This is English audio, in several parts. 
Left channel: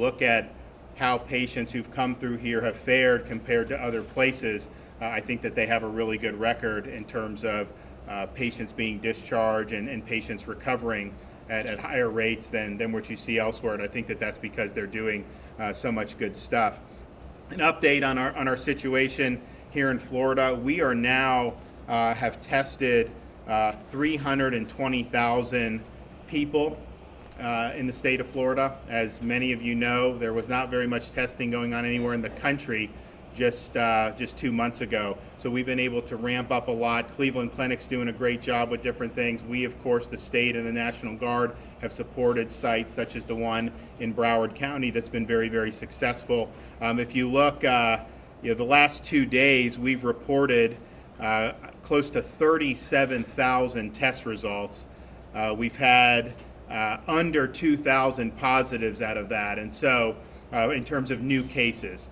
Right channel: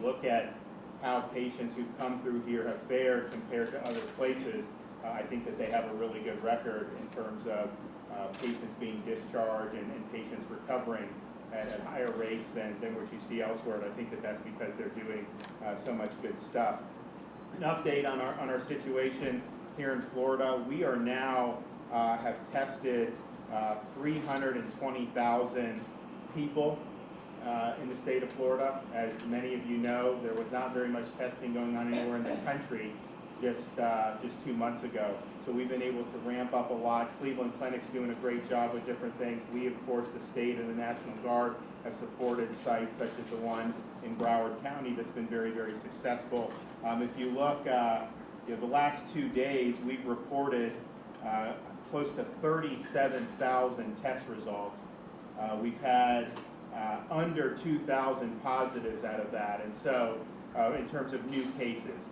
look at how patients who've come through here have fared compared to other places, I think that they have a really good record in terms of patients being discharged and patients recovering at higher rates than what you see elsewhere. And I think that that's because they're doing so much good stuff. An update on our situation here in Florida. We are now have tested 320,000 people in the state of Florida. As many of you know, there was not very much testing going on anywhere in the country just 2 months ago. So we've been able to ramp up a lot. Cleveland Clinic's doing a great job with different things. We, of course, the state and the National Guard have supported sites such as the one in Broward County that's been very, very successful. If you look, the last 2 days we've reported close to 37,000 test results. We've had under 2,000 positives out of that, and so in terms of new cases,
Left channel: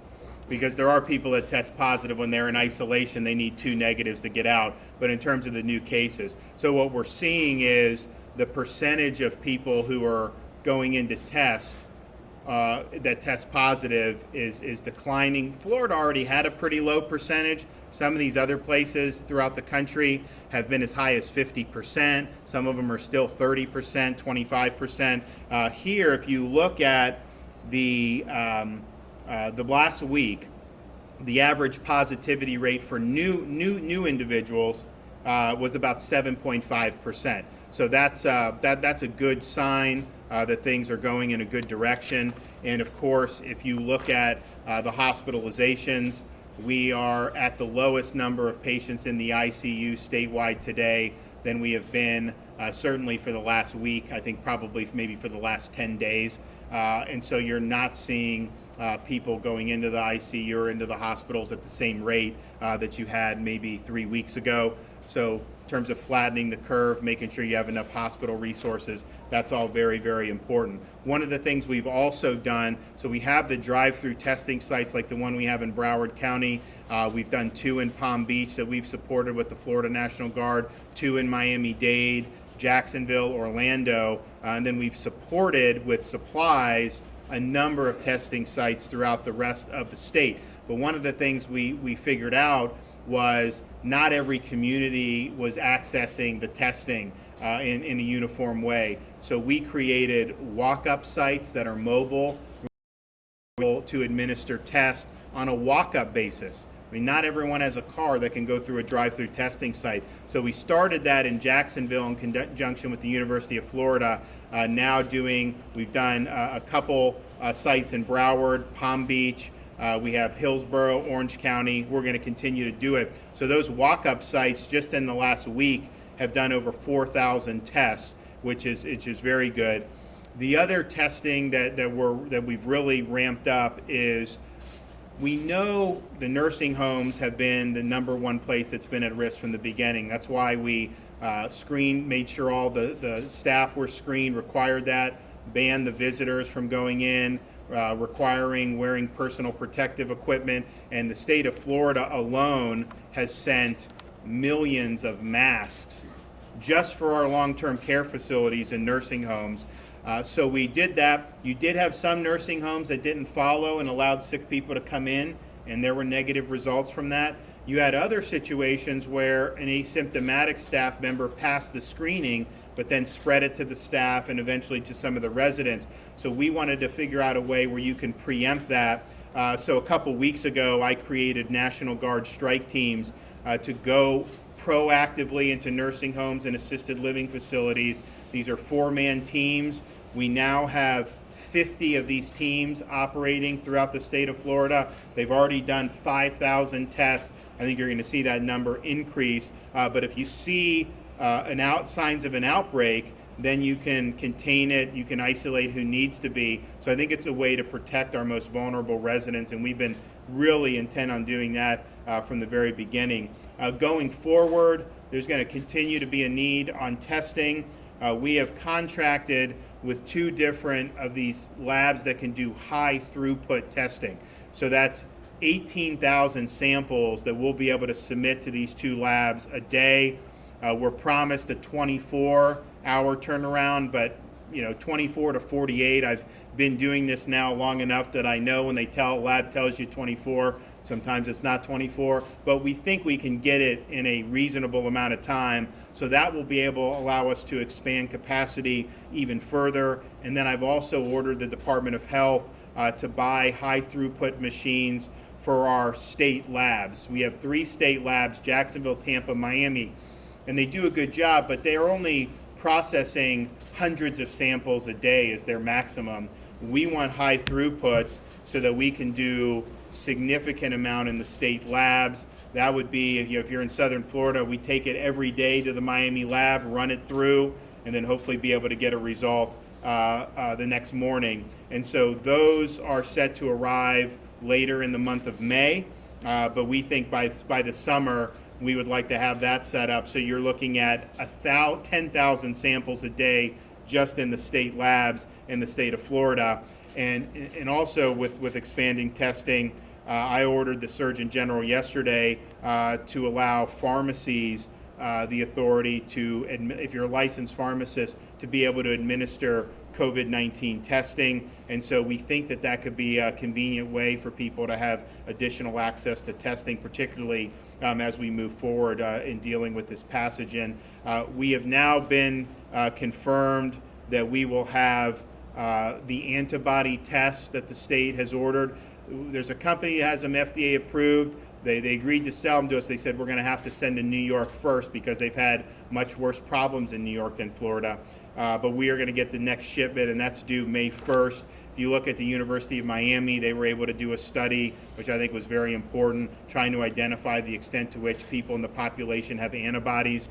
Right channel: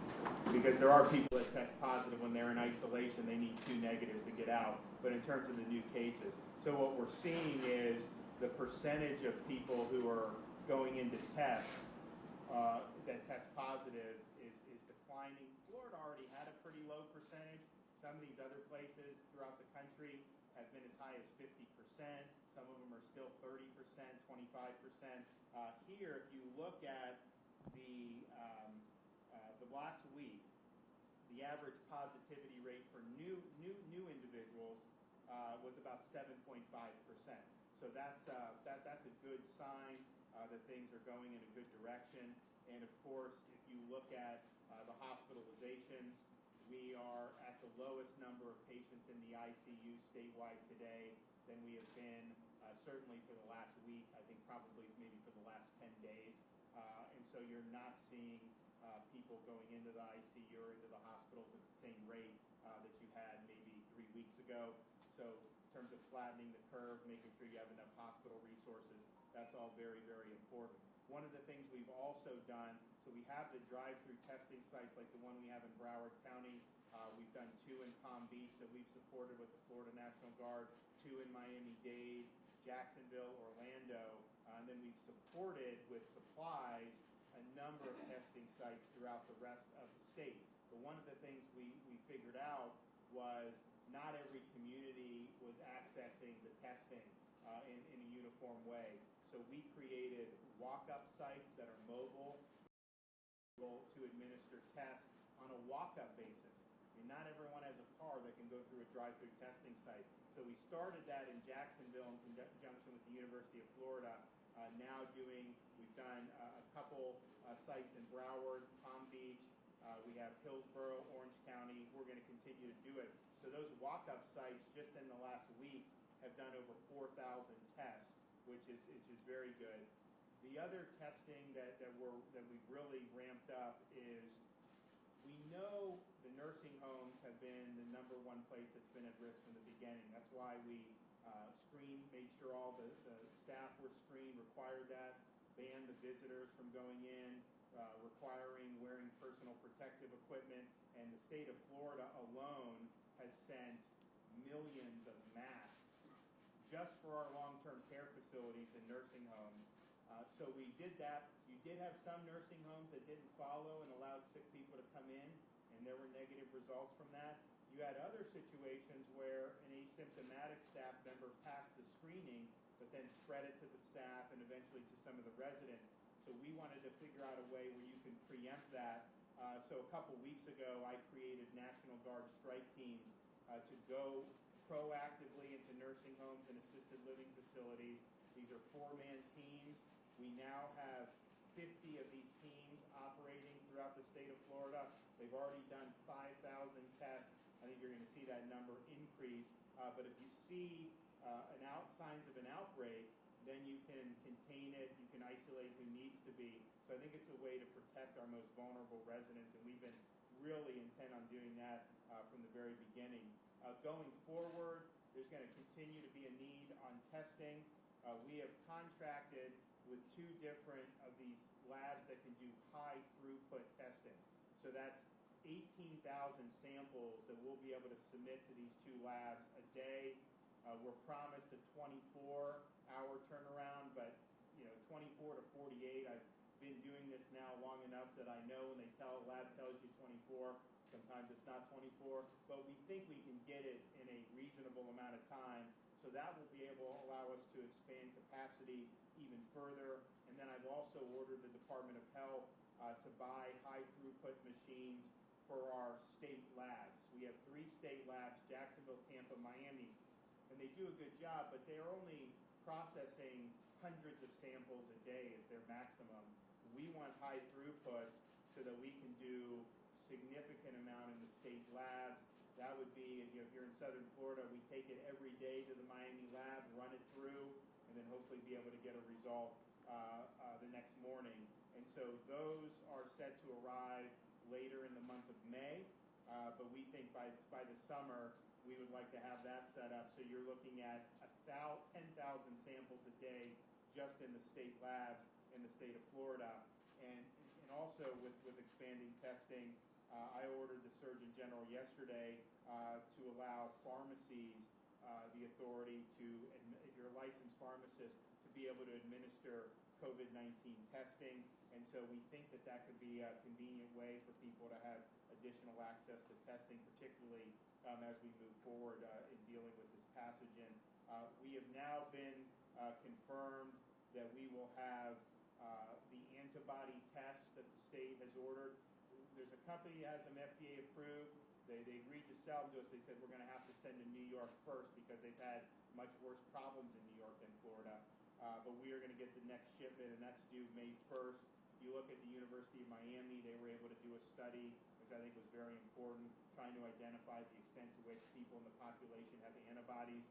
because there are people that test positive when they're in isolation, they need 2 negatives to get out, but in terms of the new cases. So what we're seeing is the percentage of people who are going in to test that test positive is declining. Florida already had a pretty low percentage. Some of these other places throughout the country have been as high as 50%. Some of them are still 30%, 25%. Here, if you look at the last week, the average positivity rate for new individuals was about 7.5%. So that's a good sign that things are going in a good direction. And of course, if you look at the hospitalizations, we are at the lowest number of patients in the ICU statewide today than we have been certainly for the last week. I think probably maybe for the last 10 days. And so you're not seeing people going into the ICU or into the hospitals at the same rate that you had maybe 3 weeks ago. So in terms of flattening the curve, making sure you have enough hospital resources, that's all very, very important. One of the things we've also done, so we have the drive-through testing sites like the one we have in Broward County. We've done 2 in Palm Beach that we've supported with the Florida National Guard, 2 in Miami-Dade, Jacksonville, Orlando, and then we've supported with supplies a number of testing sites throughout the rest of the state. But one of the things we figured out was not every community was accessing the testing in a uniform way. So we created walk-up sites that are mobile to administer tests on a walk-up basis. I mean, not everyone has a car that can go through a drive-through testing site. So we started that in Jacksonville in conjunction with the University of Florida. We've done a couple sites in Broward, Palm Beach. We have Hillsborough, Orange County. We're going to continue to do it. So those walk-up sites just in the last week have done over 4,000 tests, which is very good. The other testing that we've really ramped up is, we know the nursing homes have been the #1 place that's been at risk from the beginning. That's why we made sure all the staff were screened, required that, banned the visitors from going in, requiring wearing personal protective equipment. And the state of Florida alone has sent millions of masks just for our long-term care facilities and nursing homes. So we did that. You did have some nursing homes that didn't follow and allowed sick people to come in, and there were negative results from that. You had other situations where an asymptomatic staff member passed the screening, but then spread it to the staff and eventually to some of the residents. So we wanted to figure out a way where you can preempt that. So a couple weeks ago, I created National Guard strike teams to go proactively into nursing homes and assisted living facilities. These are 4-man teams. We now have 50 of these teams operating throughout the state of Florida. They've already done 5,000 tests. I think you're going to see that number increase. But if you see signs of an outbreak, then you can contain it, you can isolate who needs to be. So I think it's a way to protect our most vulnerable residents, and we've been really intent on doing that from the very beginning. Going forward, there's going to continue to be a need on testing. We have contracted with 2 different of these labs that can do high throughput testing. So that's 18,000 samples that we'll be able to submit to these 2 labs a day. We're promised a 24-hour turnaround, but 24 to 48. I've been doing this now long enough that I know when lab tells you 24, sometimes it's not 24, but we think we can get it in a reasonable amount of time. So that will be able to allow us to expand capacity even further. And then I've also ordered the Department of Health to buy high throughput machines for our state labs. We have 3 state labs, Jacksonville, Tampa, Miami, and they do a good job, but they are only processing hundreds of samples a day as their maximum. We want high throughputs so that we can do significant amount in the state labs. That would be, if you're in Southern Florida, we take it every day to the Miami lab, run it through, and then hopefully be able to get a result the next morning. And so those are set to arrive later in the month of May, but we think by the summer we would like to have that set up. So you're looking at 10,000 samples a day just in the state labs in the state of Florida. And also with expanding testing, I ordered the Surgeon General yesterday to allow pharmacies the authority to, if you're a licensed pharmacist, to be able to administer COVID-19 testing. And so we think that that could be a convenient way for people to have additional access to testing, particularly as we move forward in dealing with this pathogen. We have now been confirmed that we will have the antibody tests that the state has ordered. There's a company that has them FDA approved. They agreed to sell them to us. They said we're going to have to send to New York first because they've had much worse problems in New York than Florida. But we are going to get the next shipment, and that's due May 1st. If you look at the University of Miami, they were able to do a study, which I think was very important, trying to identify the extent to which people in the population have antibodies,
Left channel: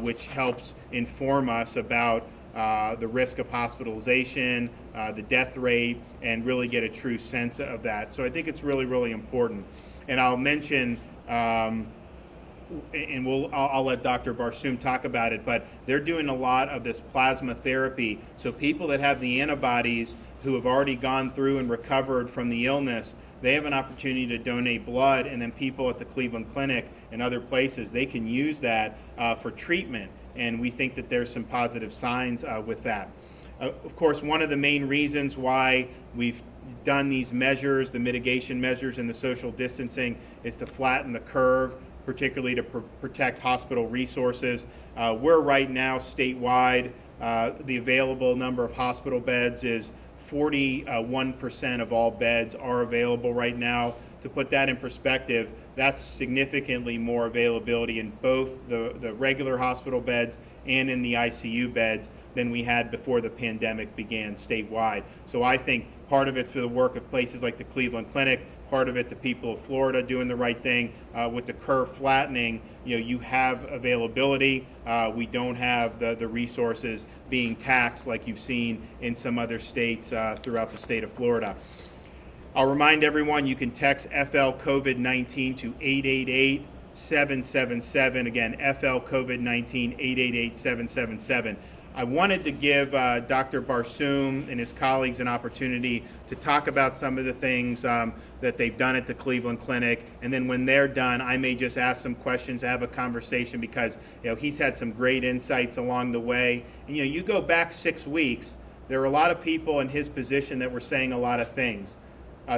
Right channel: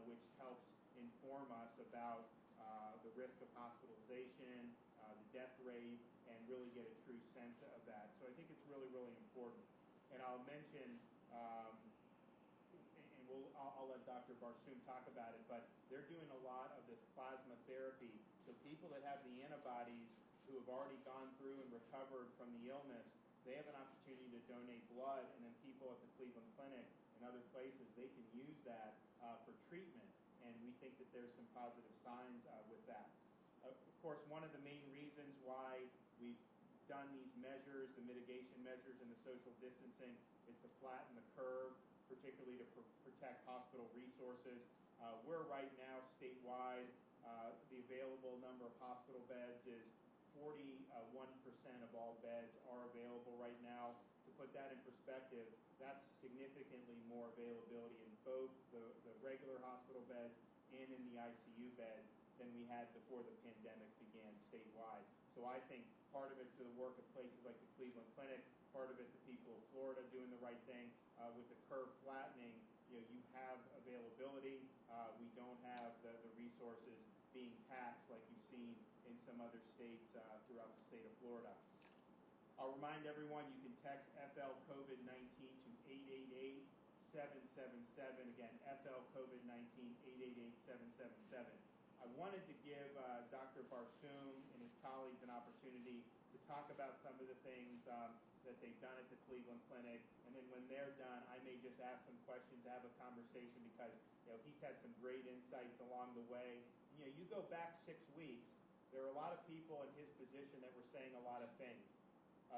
which helps inform us about the risk of hospitalization, the death rate, and really get a true sense of that. So I think it's really, really important. And I'll mention, and I'll let Dr. Barsoom talk about it, but they're doing a lot of this plasma therapy. So people that have the antibodies who have already gone through and recovered from the illness, they have an opportunity to donate blood, and then people at the Cleveland Clinic and other places, they can use that for treatment. And we think that there's some positive signs with that. Of course, one of the main reasons why we've done these measures, the mitigation measures and the social distancing, is to flatten the curve, particularly to protect hospital resources. We're right now statewide, the available number of hospital beds is 41% of all beds are available right now. To put that in perspective, that's significantly more availability in both the regular hospital beds and in the ICU beds than we had before the pandemic began statewide. So I think part of it's for the work of places like the Cleveland Clinic, part of it the people of Florida doing the right thing. With the curve flattening, you have availability. We don't have the resources being taxed like you've seen in some other states throughout the state of Florida. I'll remind everyone you can text FL COVID-19 to 888-777. Again, FL COVID-19, 888-777. I wanted to give Dr. Barsoom and his colleagues an opportunity to talk about some of the things that they've done at the Cleveland Clinic, and then when they're done, I may just ask some questions, have a conversation, because he's had some great insights along the way. And you go back 6 weeks, there were a lot of people in his position that were saying a lot of things.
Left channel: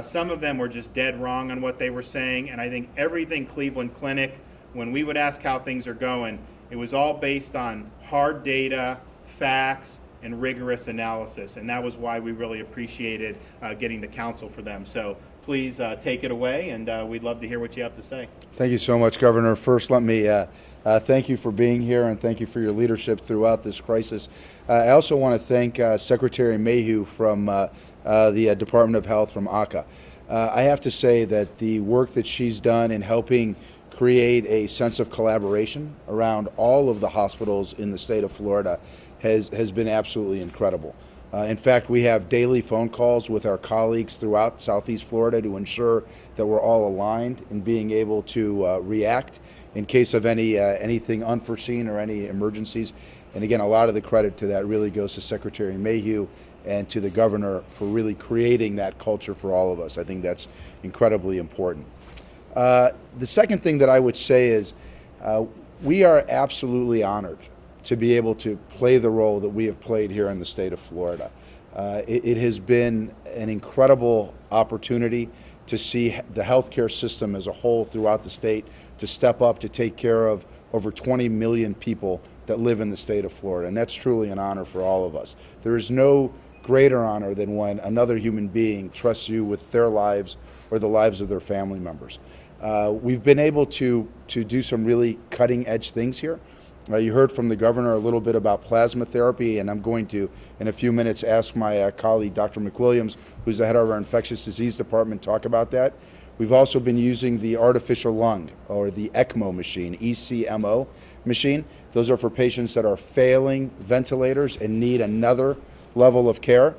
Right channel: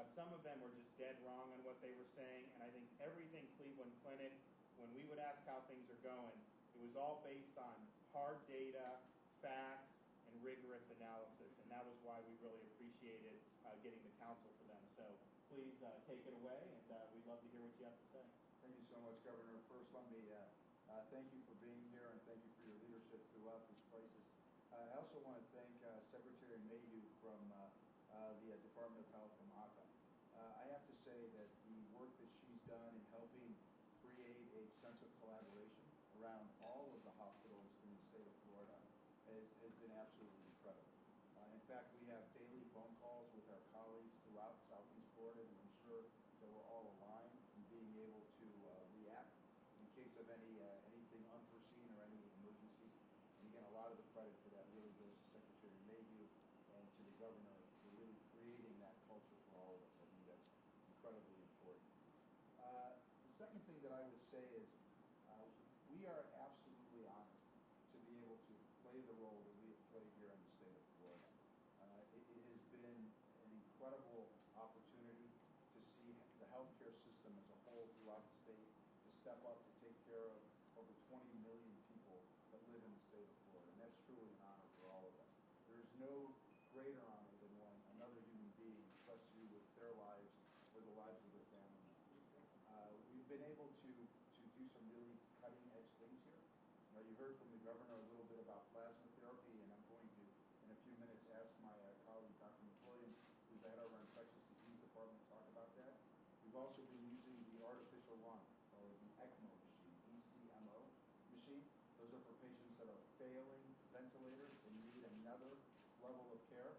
Some of them were just dead wrong on what they were saying, and I think everything Cleveland Clinic, when we would ask how things are going, it was all based on hard data, facts, and rigorous analysis, and that was why we really appreciated getting the counsel for them. So please take it away, and we'd love to hear what you have to say. Thank you so much, Governor. First, let me thank you for being here, and thank you for your leadership throughout this crisis. I also want to thank Secretary Mayhew from the Department of Health from ACA. I have to say that the work that she's done in helping create a sense of collaboration around all of the hospitals in the state of Florida has been absolutely incredible. In fact, we have daily phone calls with our colleagues throughout Southeast Florida to ensure that we're all aligned in being able to react in case of anything unforeseen or any emergencies. And again, a lot of the credit to that really goes to Secretary Mayhew and to the governor for really creating that culture for all of us. I think that's incredibly important. The second thing that I would say is we are absolutely honored to be able to play the role that we have played here in the state of Florida. It has been an incredible opportunity to see the healthcare system as a whole throughout the state to step up to take care of over 20 million people that live in the state of Florida, and that's truly an honor for all of us. There is no greater honor than when another human being trusts you with their lives or the lives of their family members. We've been able to do some really cutting-edge things here. You heard from the governor a little bit about plasma therapy, and I'm going to, in a few minutes, ask my colleague, Dr. McWilliams, who's the head of our infectious disease department, talk about that. We've also been using the artificial lung, or the ECMO machine, ECMO machine. Those are for patients that are failing ventilators and need another level of care.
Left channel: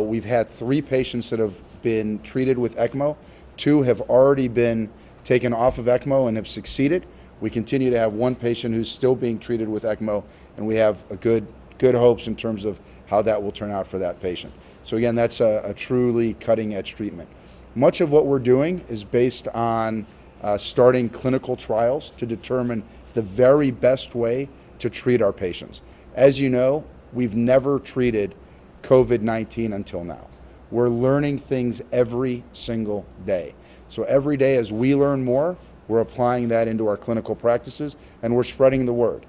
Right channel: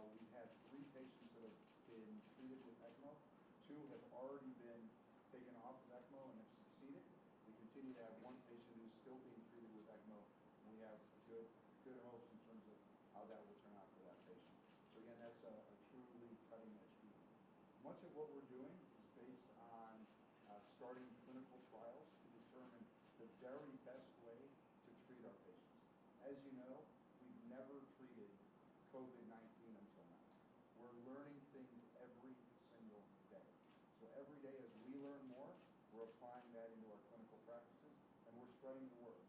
We've had 3 patients that have been treated with ECMO. 2 have already been taken off of ECMO and have succeeded. We continue to have 1 patient who's still being treated with ECMO, and we have a good hopes in terms of how that will turn out for that patient. So again, that's a truly cutting-edge treatment. Much of what we're doing is based on starting clinical trials to determine the very best way to treat our patients. As you know, we've never treated COVID-19 until now. We're learning things every single day. So every day as we learn more, we're applying that into our clinical practices, and we're spreading the word.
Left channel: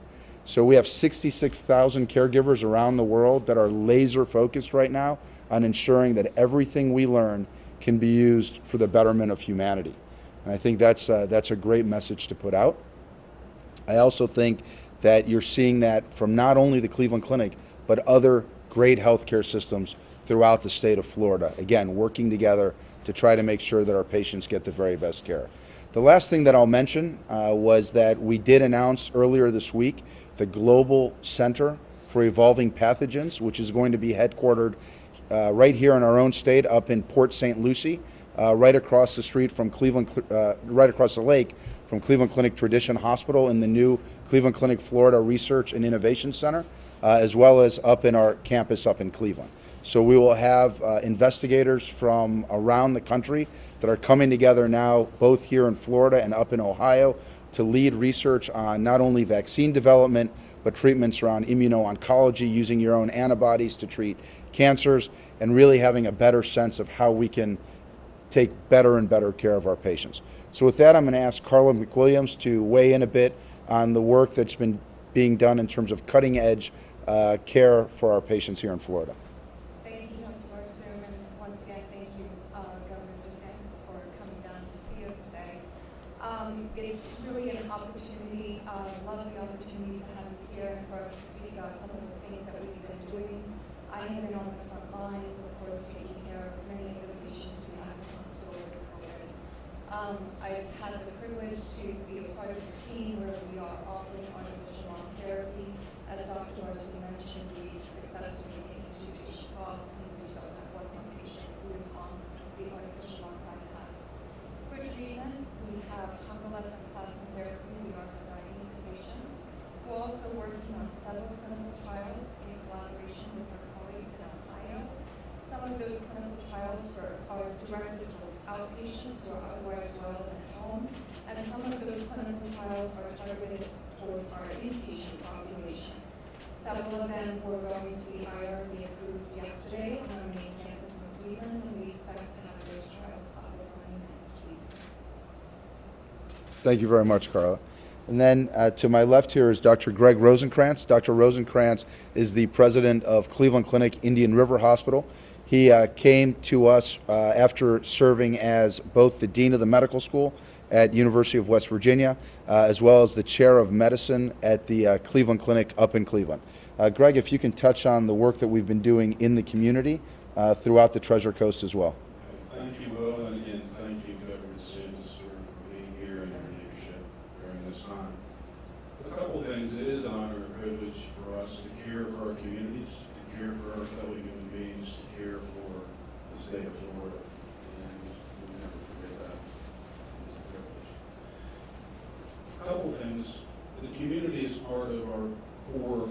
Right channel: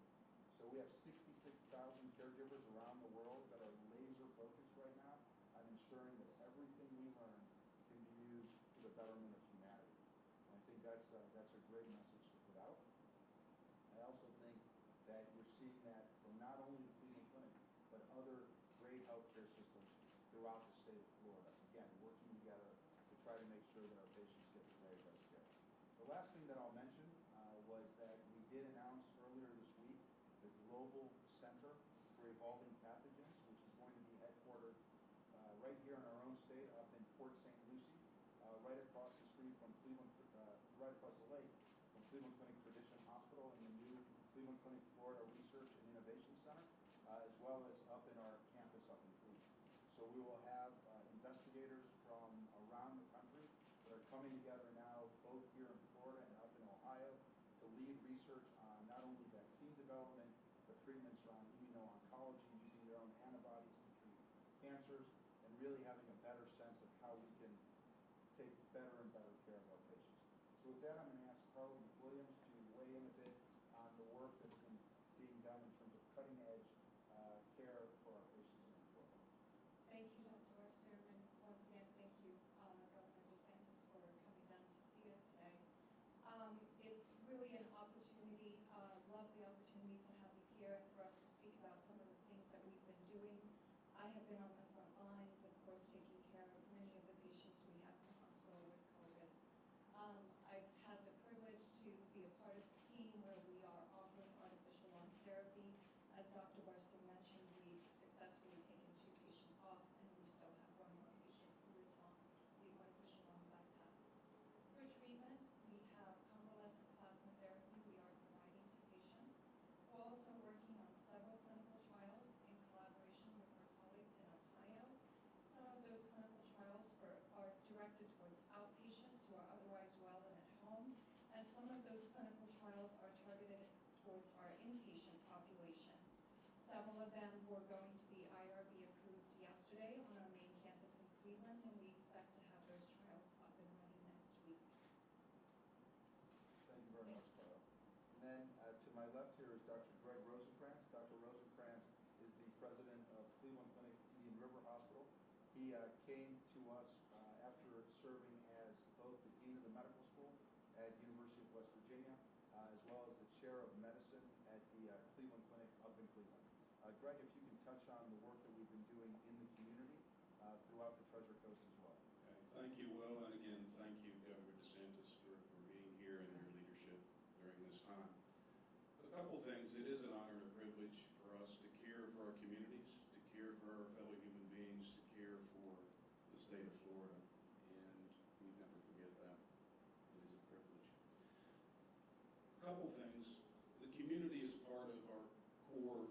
So we have 66,000 caregivers around the world that are laser focused right now on ensuring that everything we learn can be used for the betterment of humanity. And I think that's a great message to put out. I also think that you're seeing that from not only the Cleveland Clinic, but other great healthcare systems throughout the state of Florida. Again, working together to try to make sure that our patients get the very best care. The last thing that I'll mention was that we did announce earlier this week the Global Center for Evolving Pathogens, which is going to be headquartered right here in our own state, up in Port St. Lucie, right across the street from right across the lake from Cleveland Clinic Tradition Hospital in the new Cleveland Clinic Florida Research and Innovation Center, as well as up in our campus up in Cleveland. So we will have investigators from around the country that are coming together now, both here in Florida and up in Ohio, to lead research on not only vaccine development, but treatments around immuno-oncology, using your own antibodies to treat cancers, and really having a better sense of how we can take better and better care of our patients. So with that, I'm going to ask Carla McWilliams to weigh in a bit on the work that's been being done in terms of cutting-edge care for our patients here in Florida. Thank you, Dr. Weston, and once again, thank you, Governor DeSantis, for coming down to see us today. It's really an opportunity, a lovely opportunity to have you here and for us to speak about some of the things that we've been doing. I have been on the front lines, of course, taking care of many of the patients we have in the hospital with COVID. I've had the privilege to be a part of the team where we are offering artificial lung therapy. As Dr. Darcy mentioned, we successfully taken 2 patients off, and we still have 1 more patient who is on the artificial lung bypass. For treatment, we have convalescent plasma therapy we are providing to patients. We're also working on several clinical trials in collaboration with our colleagues in Ohio. Some of those clinical trials are directed towards outpatients who are otherwise well at home, and some of those clinical trials are targeted towards our inpatient population. Several of them were going to be IRB approved yesterday on our main campus in Cleveland, and we expect to have those trials up and running next week. Thank you very much, Carla. And then to my left here is Dr. Greg Rosenkrantz. Dr. Rosenkrantz is the president of Cleveland Clinic Indian River Hospital. He came to us after serving as both the dean of the medical school at University of West Virginia, as well as the chair of medicine at the Cleveland Clinic up in Cleveland. Greg, if you can touch on the work that we've been doing in the community throughout the Treasure Coast as well. Thank you, Will, and again, thank you, Governor DeSantis, for being here and your leadership during this time. A couple things. It is an honor and privilege for us to care for our communities, to care for our fellow human beings, to care for the state of Florida, and we'll never forget that. It is a privilege. A couple things. The community is part of our core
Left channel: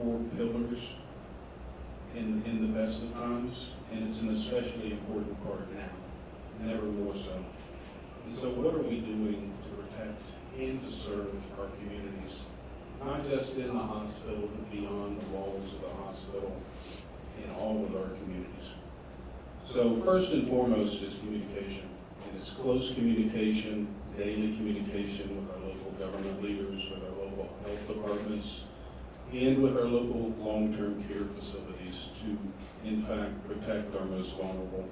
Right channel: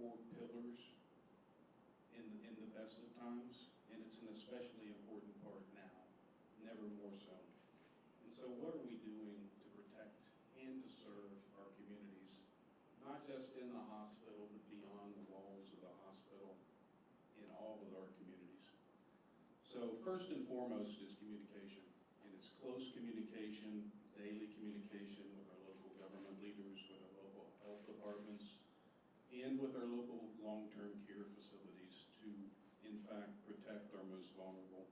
4 pillars in the best of times, and it's an especially important part now, never more so. And so what are we doing to protect and to serve our communities, not just in the hospital, but beyond the walls of the hospital, in all of our communities. So first and foremost is communication, and it's close communication, daily communication with our local government leaders, with our local health departments, and with our local long-term care facilities to, in fact, protect our most vulnerable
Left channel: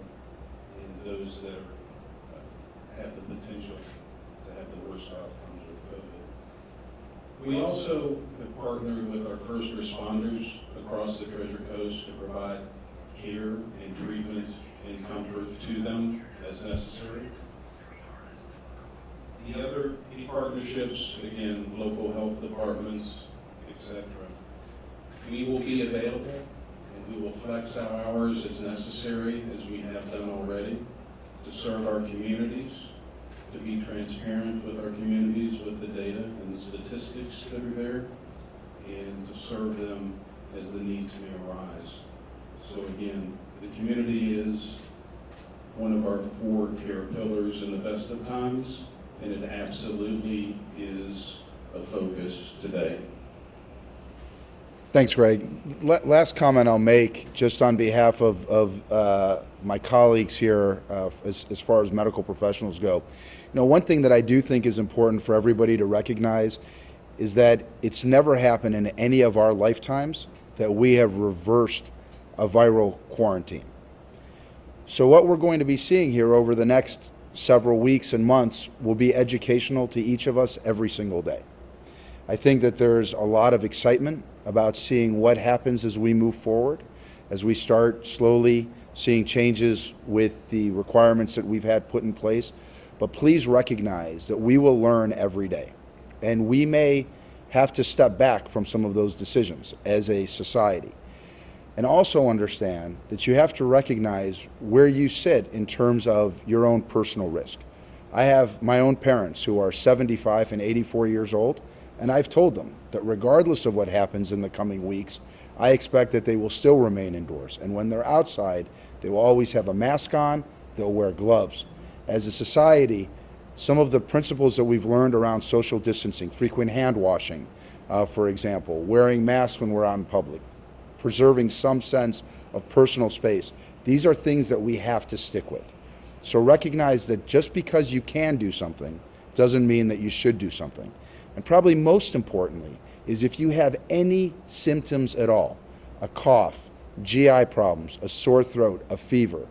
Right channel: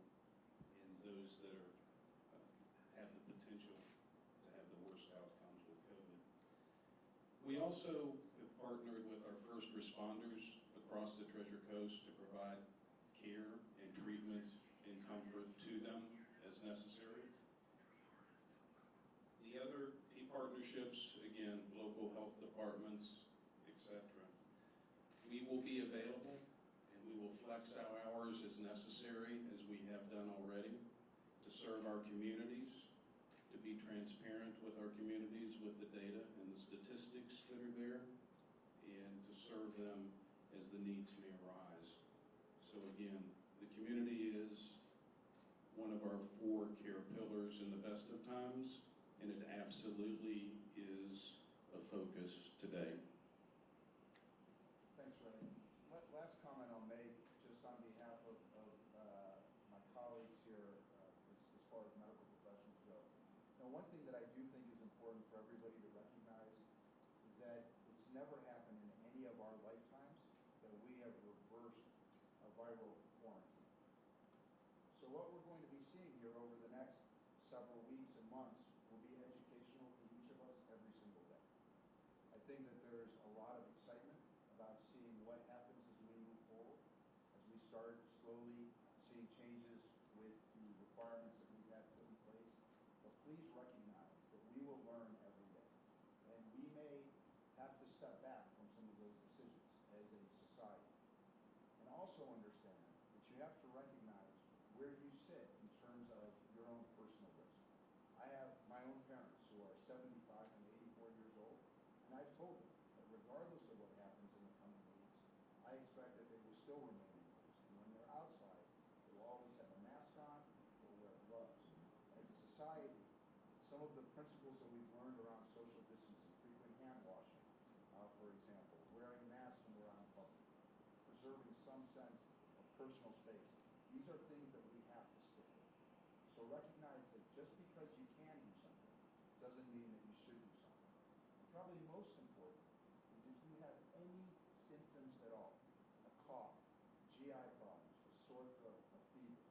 and those that have the potential to have the worst outcomes with COVID. We also have partnered with our first responders across the Treasure Coast to provide care and treatment and comfort to them as necessary. The other key partnerships, again, local health departments, etc. We will be available and we will flex our hours as necessary, as we have done already, to serve our communities, to be transparent with our communities with the data and the statistics that are there, and to serve them as the needs may arise. So again, the community is one of our 4 care pillars in the best of times, and it absolutely is a focus today. Thanks, Greg. Last comment I'll make, just on behalf of my colleagues here, as far as medical professionals go. One thing that I do think is important for everybody to recognize is that it's never happened in any of our lifetimes that we have reversed a viral quarantine. So what we're going to be seeing here over the next several weeks and months will be educational to each of us every single day. I think that there's a lot of excitement about seeing what happens as we move forward, as we start slowly seeing changes with the requirements that we've had put in place. But please recognize that we will learn every day, and we may have to step back from some of those decisions as a society. And also understand that you have to recognize where you sit in terms of your own personal risk. I have my own parents who are 75 and 84 years old, and I've told them that regardless of what happens in the coming weeks, I expect that they will still remain indoors. And when they're outside, they will always have a mask on, they'll wear gloves. As a society, some of the principles that we've learned around social distancing, frequent hand washing, for example, wearing masks when we're out in public, preserving some sense of personal space, these are things that we have to stick with. So recognize that just because you can do something doesn't mean that you should do something. And probably most importantly is if you have any symptoms at all, a cough, GI problems, a sore throat, a fever,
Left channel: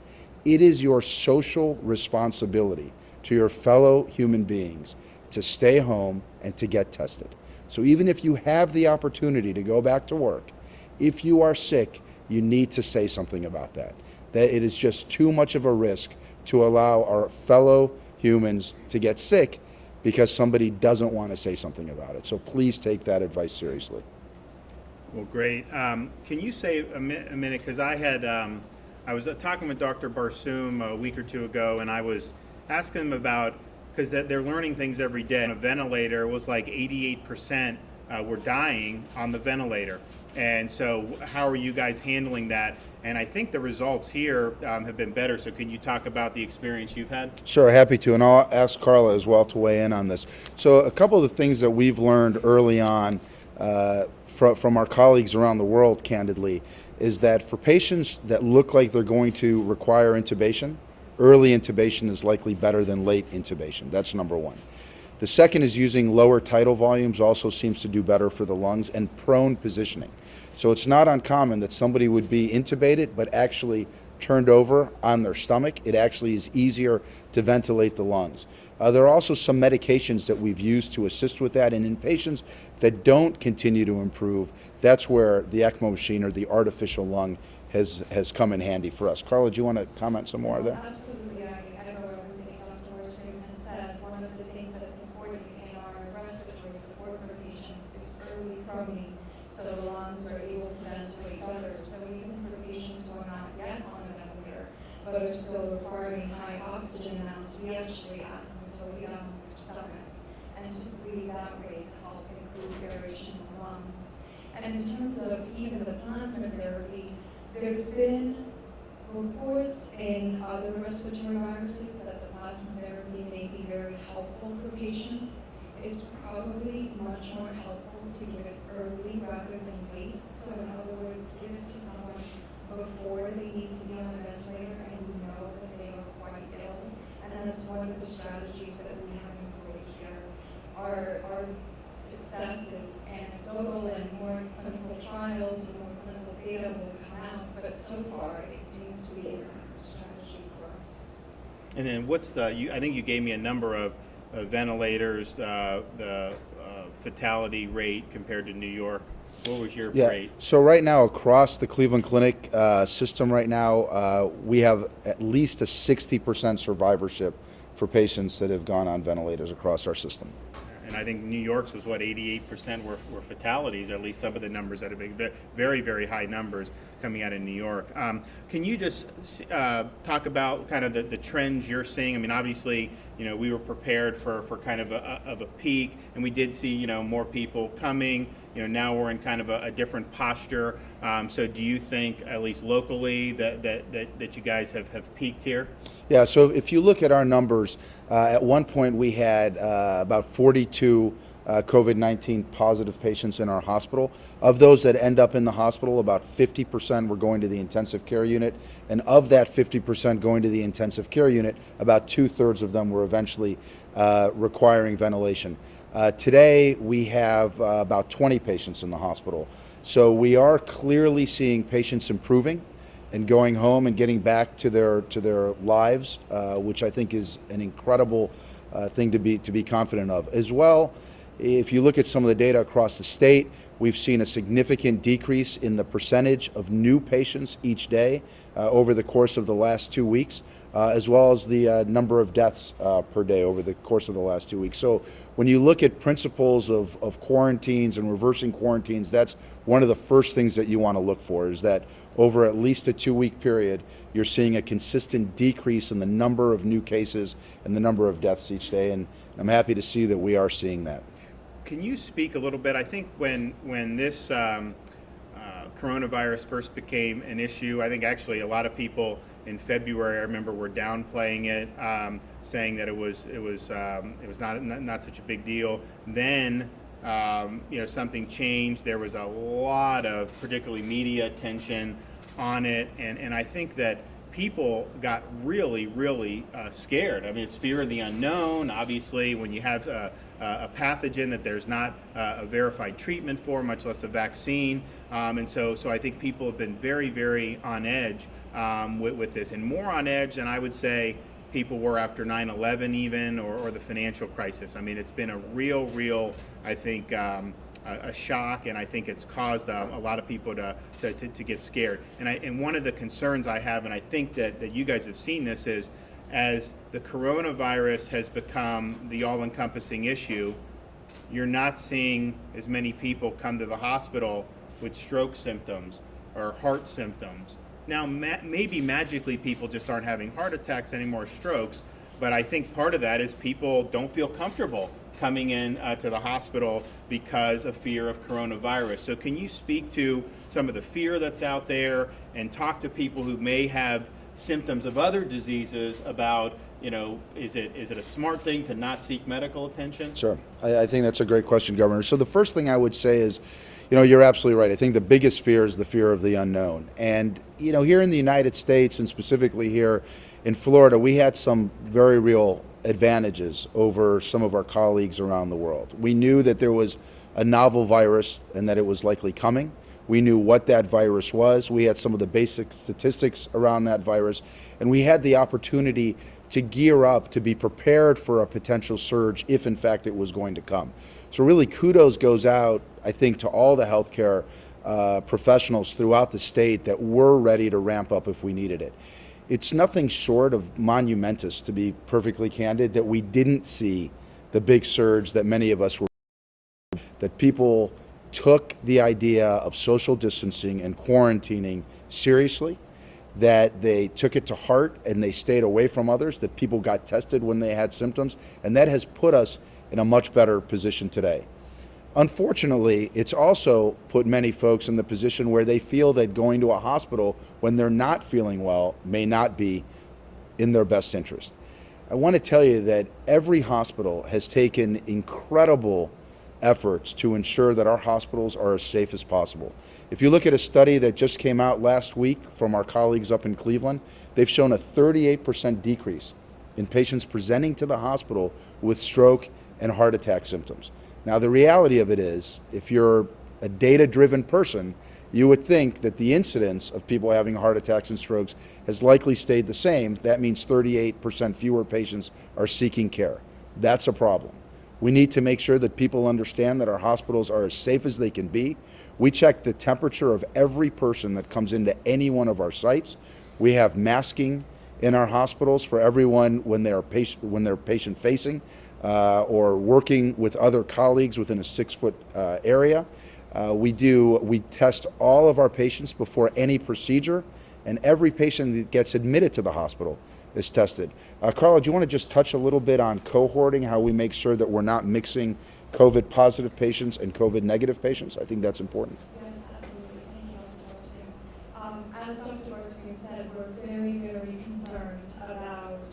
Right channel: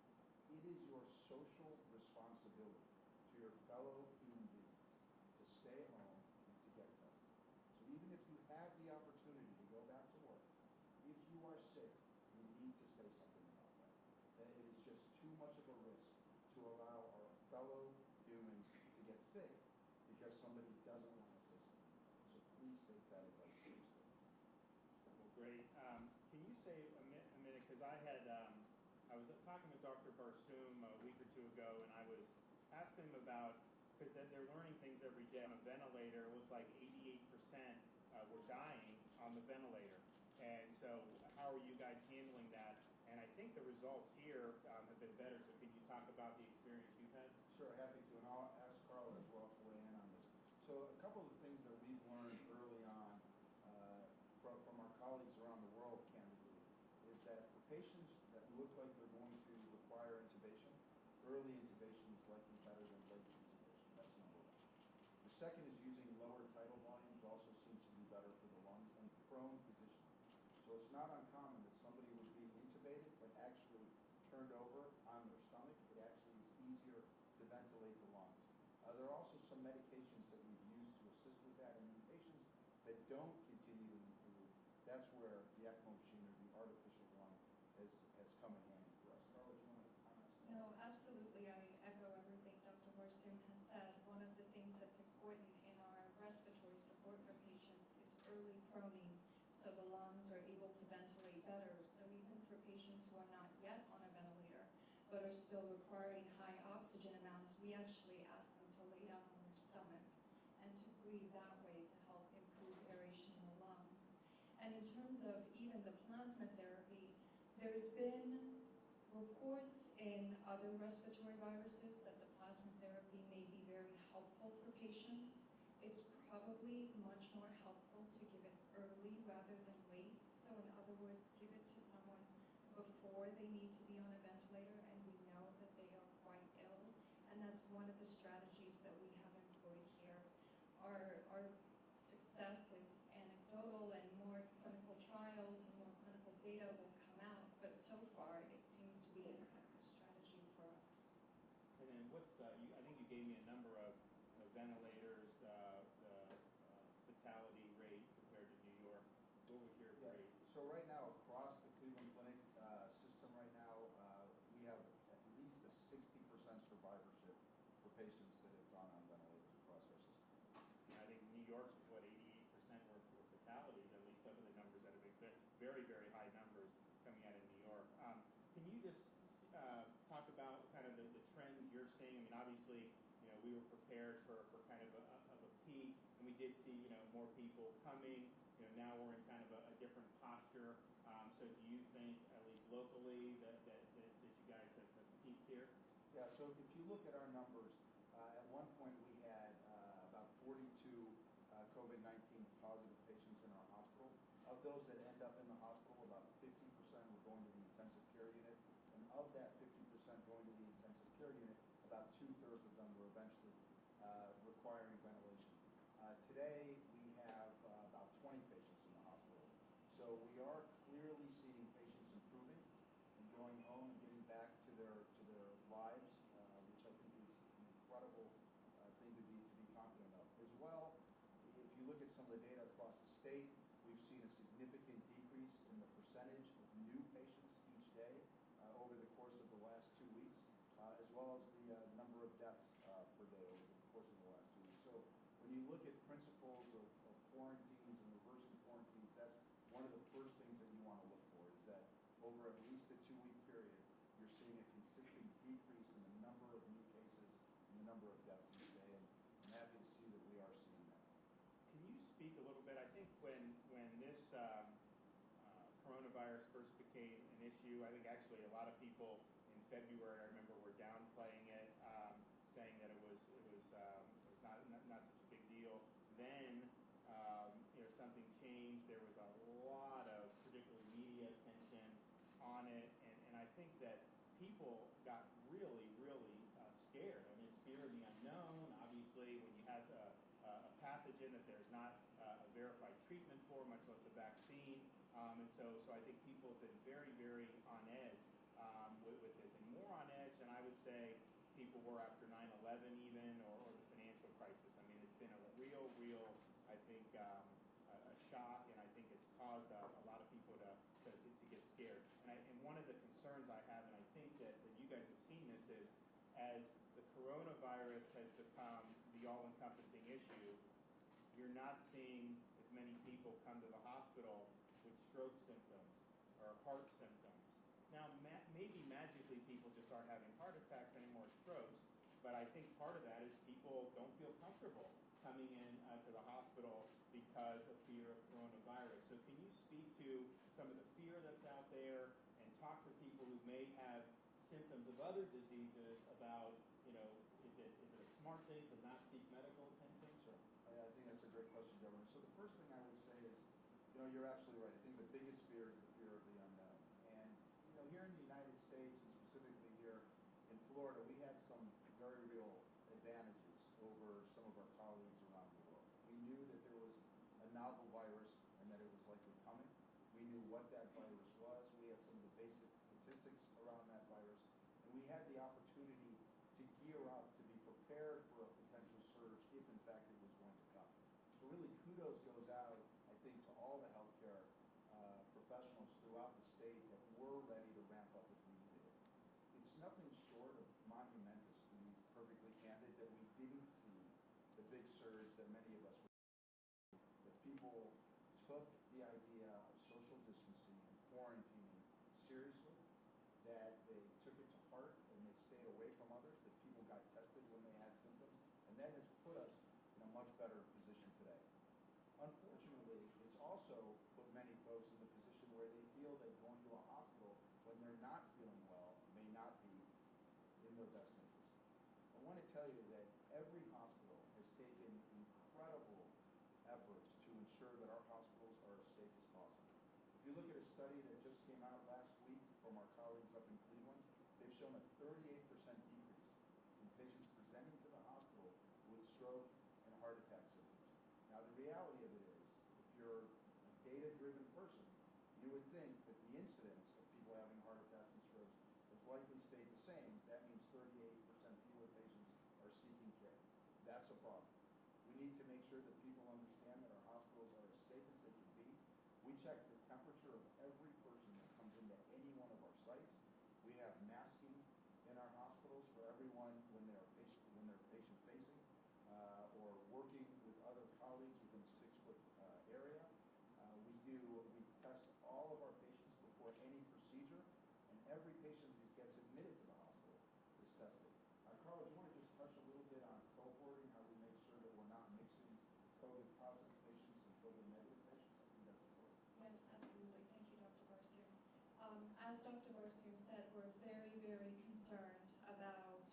it is your social responsibility to your fellow human beings to stay home and to get tested. So even if you have the opportunity to go back to work, if you are sick, you need to say something about that. That it is just too much of a risk to allow our fellow humans to get sick because somebody doesn't want to say something about it. So please take that advice seriously. Well, great. Can you say a minute, because I was talking with Dr. Barsoom a week or two ago, and I was asking him about, because they're learning things every day. On a ventilator, it was like 88% were dying on the ventilator. And so how are you guys handling that? And I think the results here have been better. So can you talk about the experience you've had? Sure, happy to. And I'll ask Carla as well to weigh in on this. So a couple of the things that we've learned early on from our colleagues around the world, candidly, is that for patients that look like they're going to require intubation, early intubation is likely better than late intubation. That's number one. The second is using lower tidal volumes also seems to do better for the lungs, and prone positioning. So it's not uncommon that somebody would be intubated but actually turned over on their stomach. It actually is easier to ventilate the lungs. There are also some medications that we've used to assist with that, and in patients that don't continue to improve, that's where the ECMO machine or the artificial lung has come in handy for us. Carla, do you want to comment some more there? Absolutely, I echo everything Dr. Weston has said. One of the things that's important in our respiratory support for patients is early proning, so the lungs are able to ventilate better. So even for patients who are not yet on a ventilator, but are still requiring high oxygen amounts, we actually ask them to lay down on their stomach and to breathe that way to help improve aeration in the lungs. And in terms of even the plasma therapy, there's been reports in other respiratory viruses that the plasma therapy may be very helpful for patients. It's probably much more helpful to give it early rather than late. So in other words, give it to someone before they need to be on a ventilator and we know that they are quite ill. And that's one of the strategies that we have employed here. Our success is anecdotal and more clinical trials and more clinical data will come out, but so far it seems to be a strategy for us. And then what's I think you gave me a number of ventilators, the fatality rate compared to New York. What was your rate? So right now across the Cleveland Clinic system right now, we have at least a 60% survivorship for patients that have gone on ventilators across our system. And I think New York's was what, 88% were fatalities, or at least some of the numbers that have been very, very high numbers coming out of New York. Can you just talk about kind of the trends you're seeing? I mean, obviously, we were prepared for kind of a peak, and we did see, more people coming. Now we're in kind of a different posture. So do you think, at least locally, that you guys have peaked here? Yeah, so if you look at our numbers, at one point we had about 42 COVID-19 positive patients in our hospital. Of those that end up in the hospital, about 50% were going to the intensive care unit. And of that 50% going to the intensive care unit, about 2/3 of them were eventually requiring ventilation. Today we have about 20 patients in the hospital. So we are clearly seeing patients improving and going home and getting back to their lives, which I think is an incredible thing to be confident of. As well, if you look at some of the data across the state, we've seen a significant decrease in the percentage of new patients each day over the course of the last 2 weeks, as well as the number of deaths per day over the course of the last 2 weeks. So when you look at principles of quarantines and reversing quarantines, that's one of the first things that you want to look for, is that over at least a 2-week period, you're seeing a consistent decrease in the number of new cases and the number of deaths each day, and I'm happy to see that we are seeing that. Can you speak a little bit? I think when this coronavirus first became an issue, I think actually a lot of people in February, I remember, were downplaying it, saying that it was not such a big deal. Then something changed. There was a lot of particularly media attention on it, and I think that people got really, really scared. I mean, it's fear of the unknown. Obviously, when you have a pathogen that there's not a verified treatment for, much less a vaccine, and so I think people have been very, very on edge with this, and more on edge than I would say people were after 9/11 even, or the financial crisis. I mean, it's been a real, I think, a shock, and I think it's caused a lot of people to get scared. And one of the concerns I have, and I think that you guys have seen this, is as the coronavirus has become the all-encompassing issue, you're not seeing as many people come to the hospital with stroke symptoms or heart symptoms. Now, maybe magically people just aren't having heart attacks anymore, strokes, but I think part of that is people don't feel comfortable coming in to the hospital because of fear of coronavirus. So can you speak to some of the fear that's out there and talk to people who may have symptoms of other diseases about, is it a smart thing to not seek medical attention? Sure. I think that's a great question, Governor. So the first thing I would say is, you're absolutely right. I think the biggest fear is the fear of the unknown. And, here in the United States, and specifically here in Florida, we had some very real advantages over some of our colleagues around the world. We knew that there was a novel virus and that it was likely coming. We knew what that virus was. We had some of the basic statistics around that virus, and we had the opportunity to gear up to be prepared for a potential surge if in fact it was going to come. So really kudos goes out, I think, to all the healthcare professionals throughout the state that were ready to ramp up if we needed it. It's nothing short of monumentous, to be perfectly candid, that we didn't see the big surge that many of us were, that people took the idea of social distancing and quarantining seriously, that they took it to heart and they stayed away from others, that people got tested when they had symptoms, and that has put us in a much better position today. Unfortunately, it's also put many folks in the position where they feel that going to a hospital when they're not feeling well may not be in their best interest. I want to tell you that every hospital has taken incredible efforts to ensure that our hospitals are as safe as possible. If you look at a study that just came out last week from our colleagues up in Cleveland, they've shown a 38% decrease in patients presenting to the hospital with stroke and heart attack symptoms. Now, the reality of it is, if you're a data-driven person, you would think that the incidence of people having heart attacks and strokes has likely stayed the same. That means 38% fewer patients are seeking care. That's a problem. We need to make sure that people understand that our hospitals are as safe as they can be. We check the temperature of every person that comes into any one of our sites. We have masking in our hospitals for everyone when they're patient-facing or working with other colleagues within a 6-foot area. We test all of our patients before any procedure, and every patient that gets admitted to the hospital is tested. Carla, do you want to just touch a little bit on cohorting, how we make sure that we're not mixing COVID positive patients and COVID negative patients? I think that's important. Yes, absolutely. Thank you, Dr. Weston. As Dr. Weston said, we're very, very concerned about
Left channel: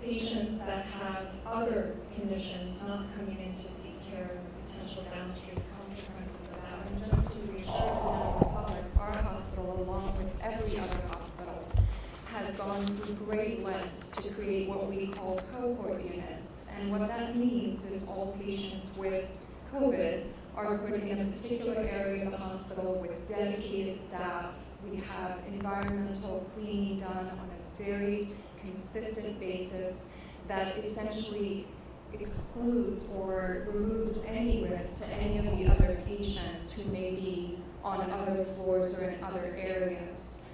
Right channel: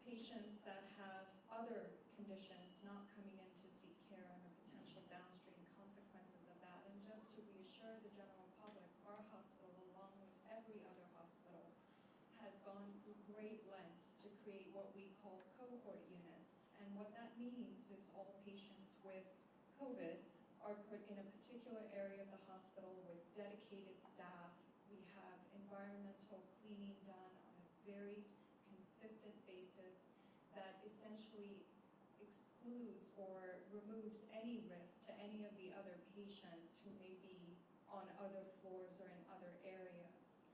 patients that have other conditions not coming in to seek care and the potential downstream consequences of that. And just to reassure the general public, our hospital, along with every other hospital, has gone through great lengths to create what we call cohort units. And what that means is all patients with COVID are put in a particular area of the hospital with dedicated staff. We have environmental cleaning done on a very consistent basis that essentially excludes or removes any risk to any of the other patients who may be on other floors or in other areas.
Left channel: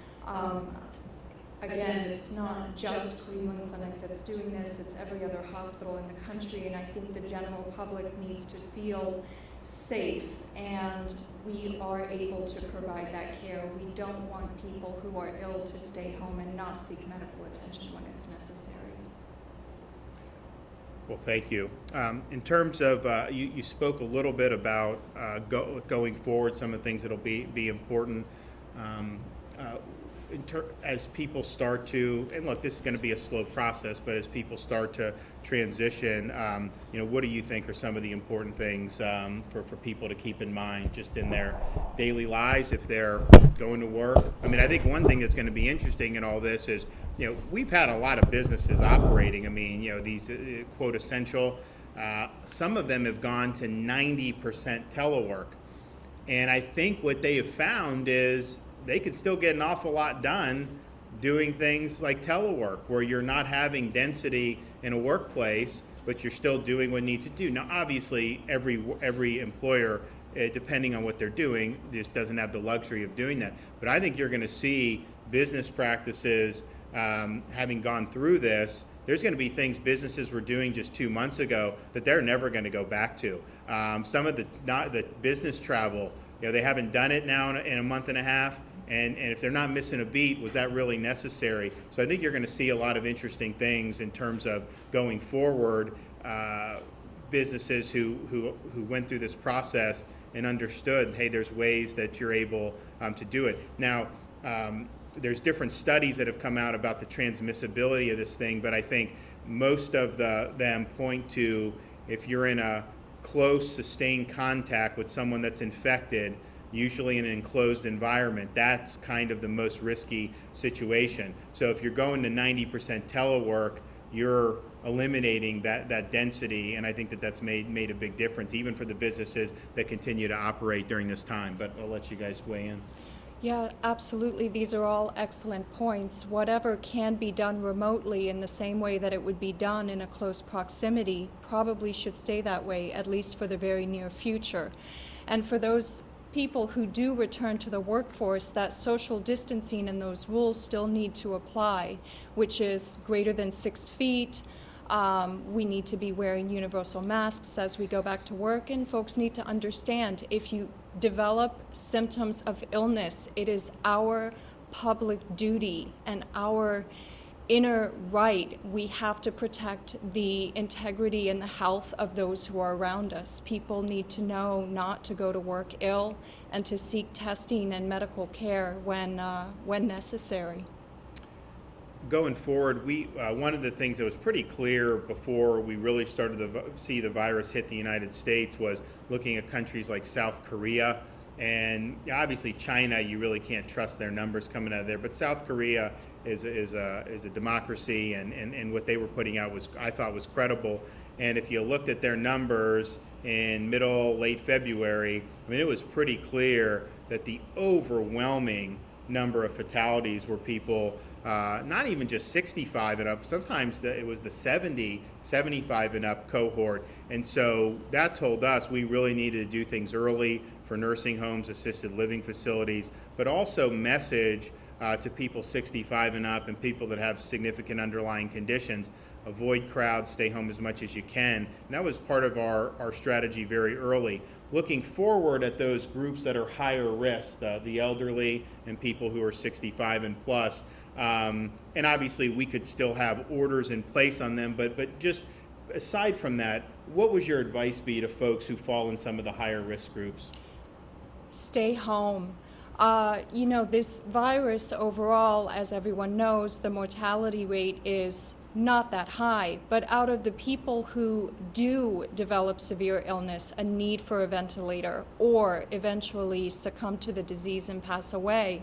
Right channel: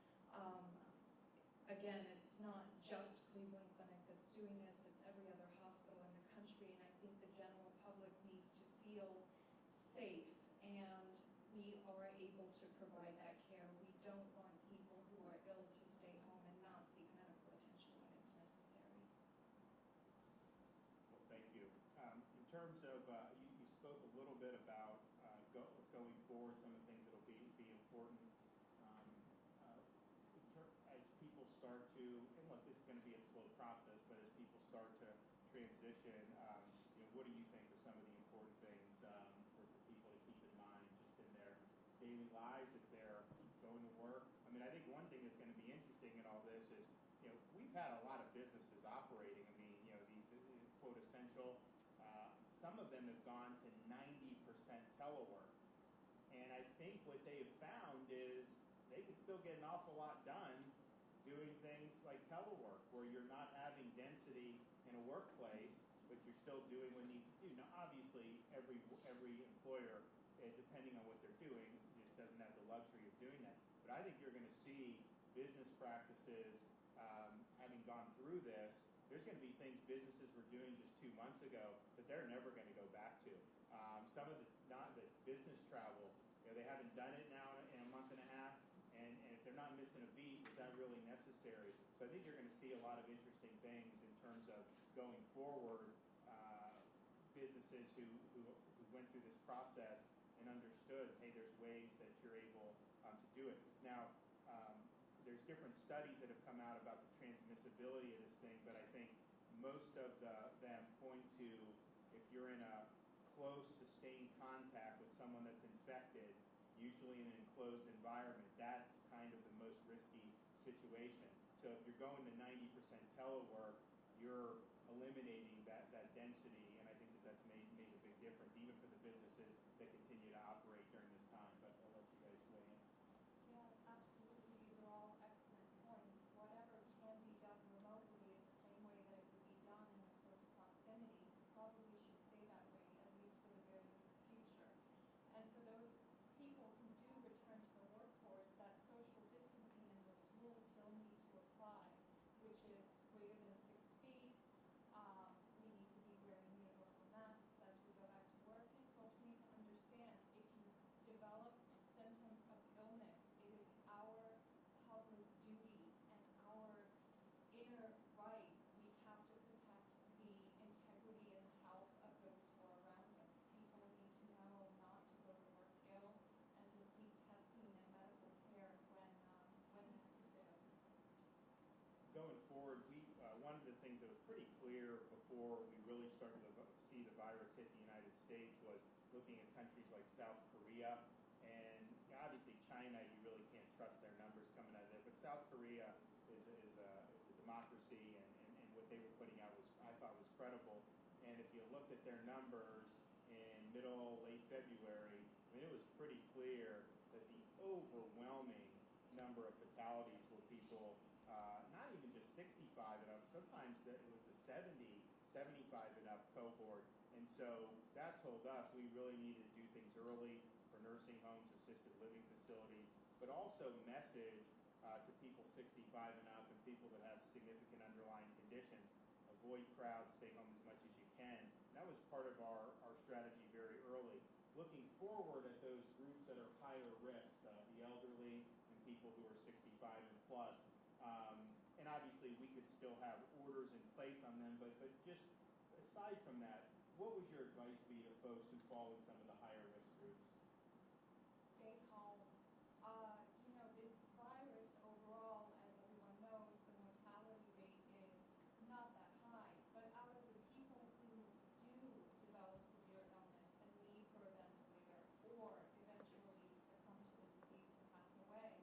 Again, it's not just Cleveland Clinic that's doing this, it's every other hospital in the country, and I think the general public needs to feel safe, and we are able to provide that care. We don't want people who are ill to stay home and not seek medical attention when it's necessary. Well, thank you. In terms of, you spoke a little bit about going forward, some of the things that'll be important. As people start to, and look, this is going to be a slow process, but as people start to transition, what do you think are some of the important things for people to keep in mind just in their daily lives if they're going to work? I mean, I think one thing that's going to be interesting in all this is, we've had a lot of businesses operating. I mean, these quote essential, some of them have gone to 90% telework. And I think what they have found is they could still get an awful lot done doing things like telework, where you're not having density in a workplace, but you're still doing what needs to do. Now, obviously, every employer, depending on what they're doing, just doesn't have the luxury of doing that. But I think you're going to see business practices, having gone through this, there's going to be things businesses were doing just 2 months ago that they're never going to go back to. Some of the business travel, they haven't done it now in a month and a half. And if they're not missing a beat, was that really necessary? So I think you're going to see a lot of interesting things in terms of going forward. Businesses who went through this process and understood, hey, there's ways that you're able to do it. Now, there's different studies that have come out about the transmissibility of this thing, but I think most of them point to, if you're in a close, sustained contact with someone that's infected, usually in an enclosed environment, that's kind of the most risky situation. So if you're going to 90% telework, you're eliminating that density, and I think that's made a big difference, even for the businesses that continue to operate during this time. But I'll let you guys weigh in. Yeah, absolutely. These are all excellent points. Whatever can be done remotely in the same way that it would be done in a close proximity probably should stay that way, at least for the very near future. And for those people who do return to the workforce, that social distancing and those rules still need to apply, which is greater than 6 feet. We need to be wearing universal masks as we go back to work, and folks need to understand, if you develop symptoms of illness, it is our public duty and our inner right. We have to protect the integrity and the health of those who are around us. People need to know not to go to work ill and to seek testing and medical care when necessary. going forward, we one of the things that was pretty clear before we really started to see the virus hit the United States was looking at countries like South Korea, and obviously China. You really can't trust their numbers coming out of there, but South Korea is a democracy, and what they were putting out was, I thought, was credible. And if you looked at their numbers in late February, I mean, it was pretty clear that the overwhelming number of fatalities were people, not even just 65 and up, sometimes it was the 70, 75 and up cohort. And so that told us we really needed to do things early for nursing homes, assisted living facilities, but also message to people 65 and up and people that have significant underlying conditions. Avoid crowds, stay home as much as you can. And that was part of our strategy very early. Looking forward at those groups that are higher risk, the elderly and people who are 65 and plus. And obviously we could still have orders in place on them, but just aside from that, what would your advice be to folks who fall in some of the higher risk groups? Stay home. This virus overall, as everyone knows, the mortality rate is not that high, but out of the people who do develop severe illness, a need for a ventilator, or eventually succumb to the disease and pass away,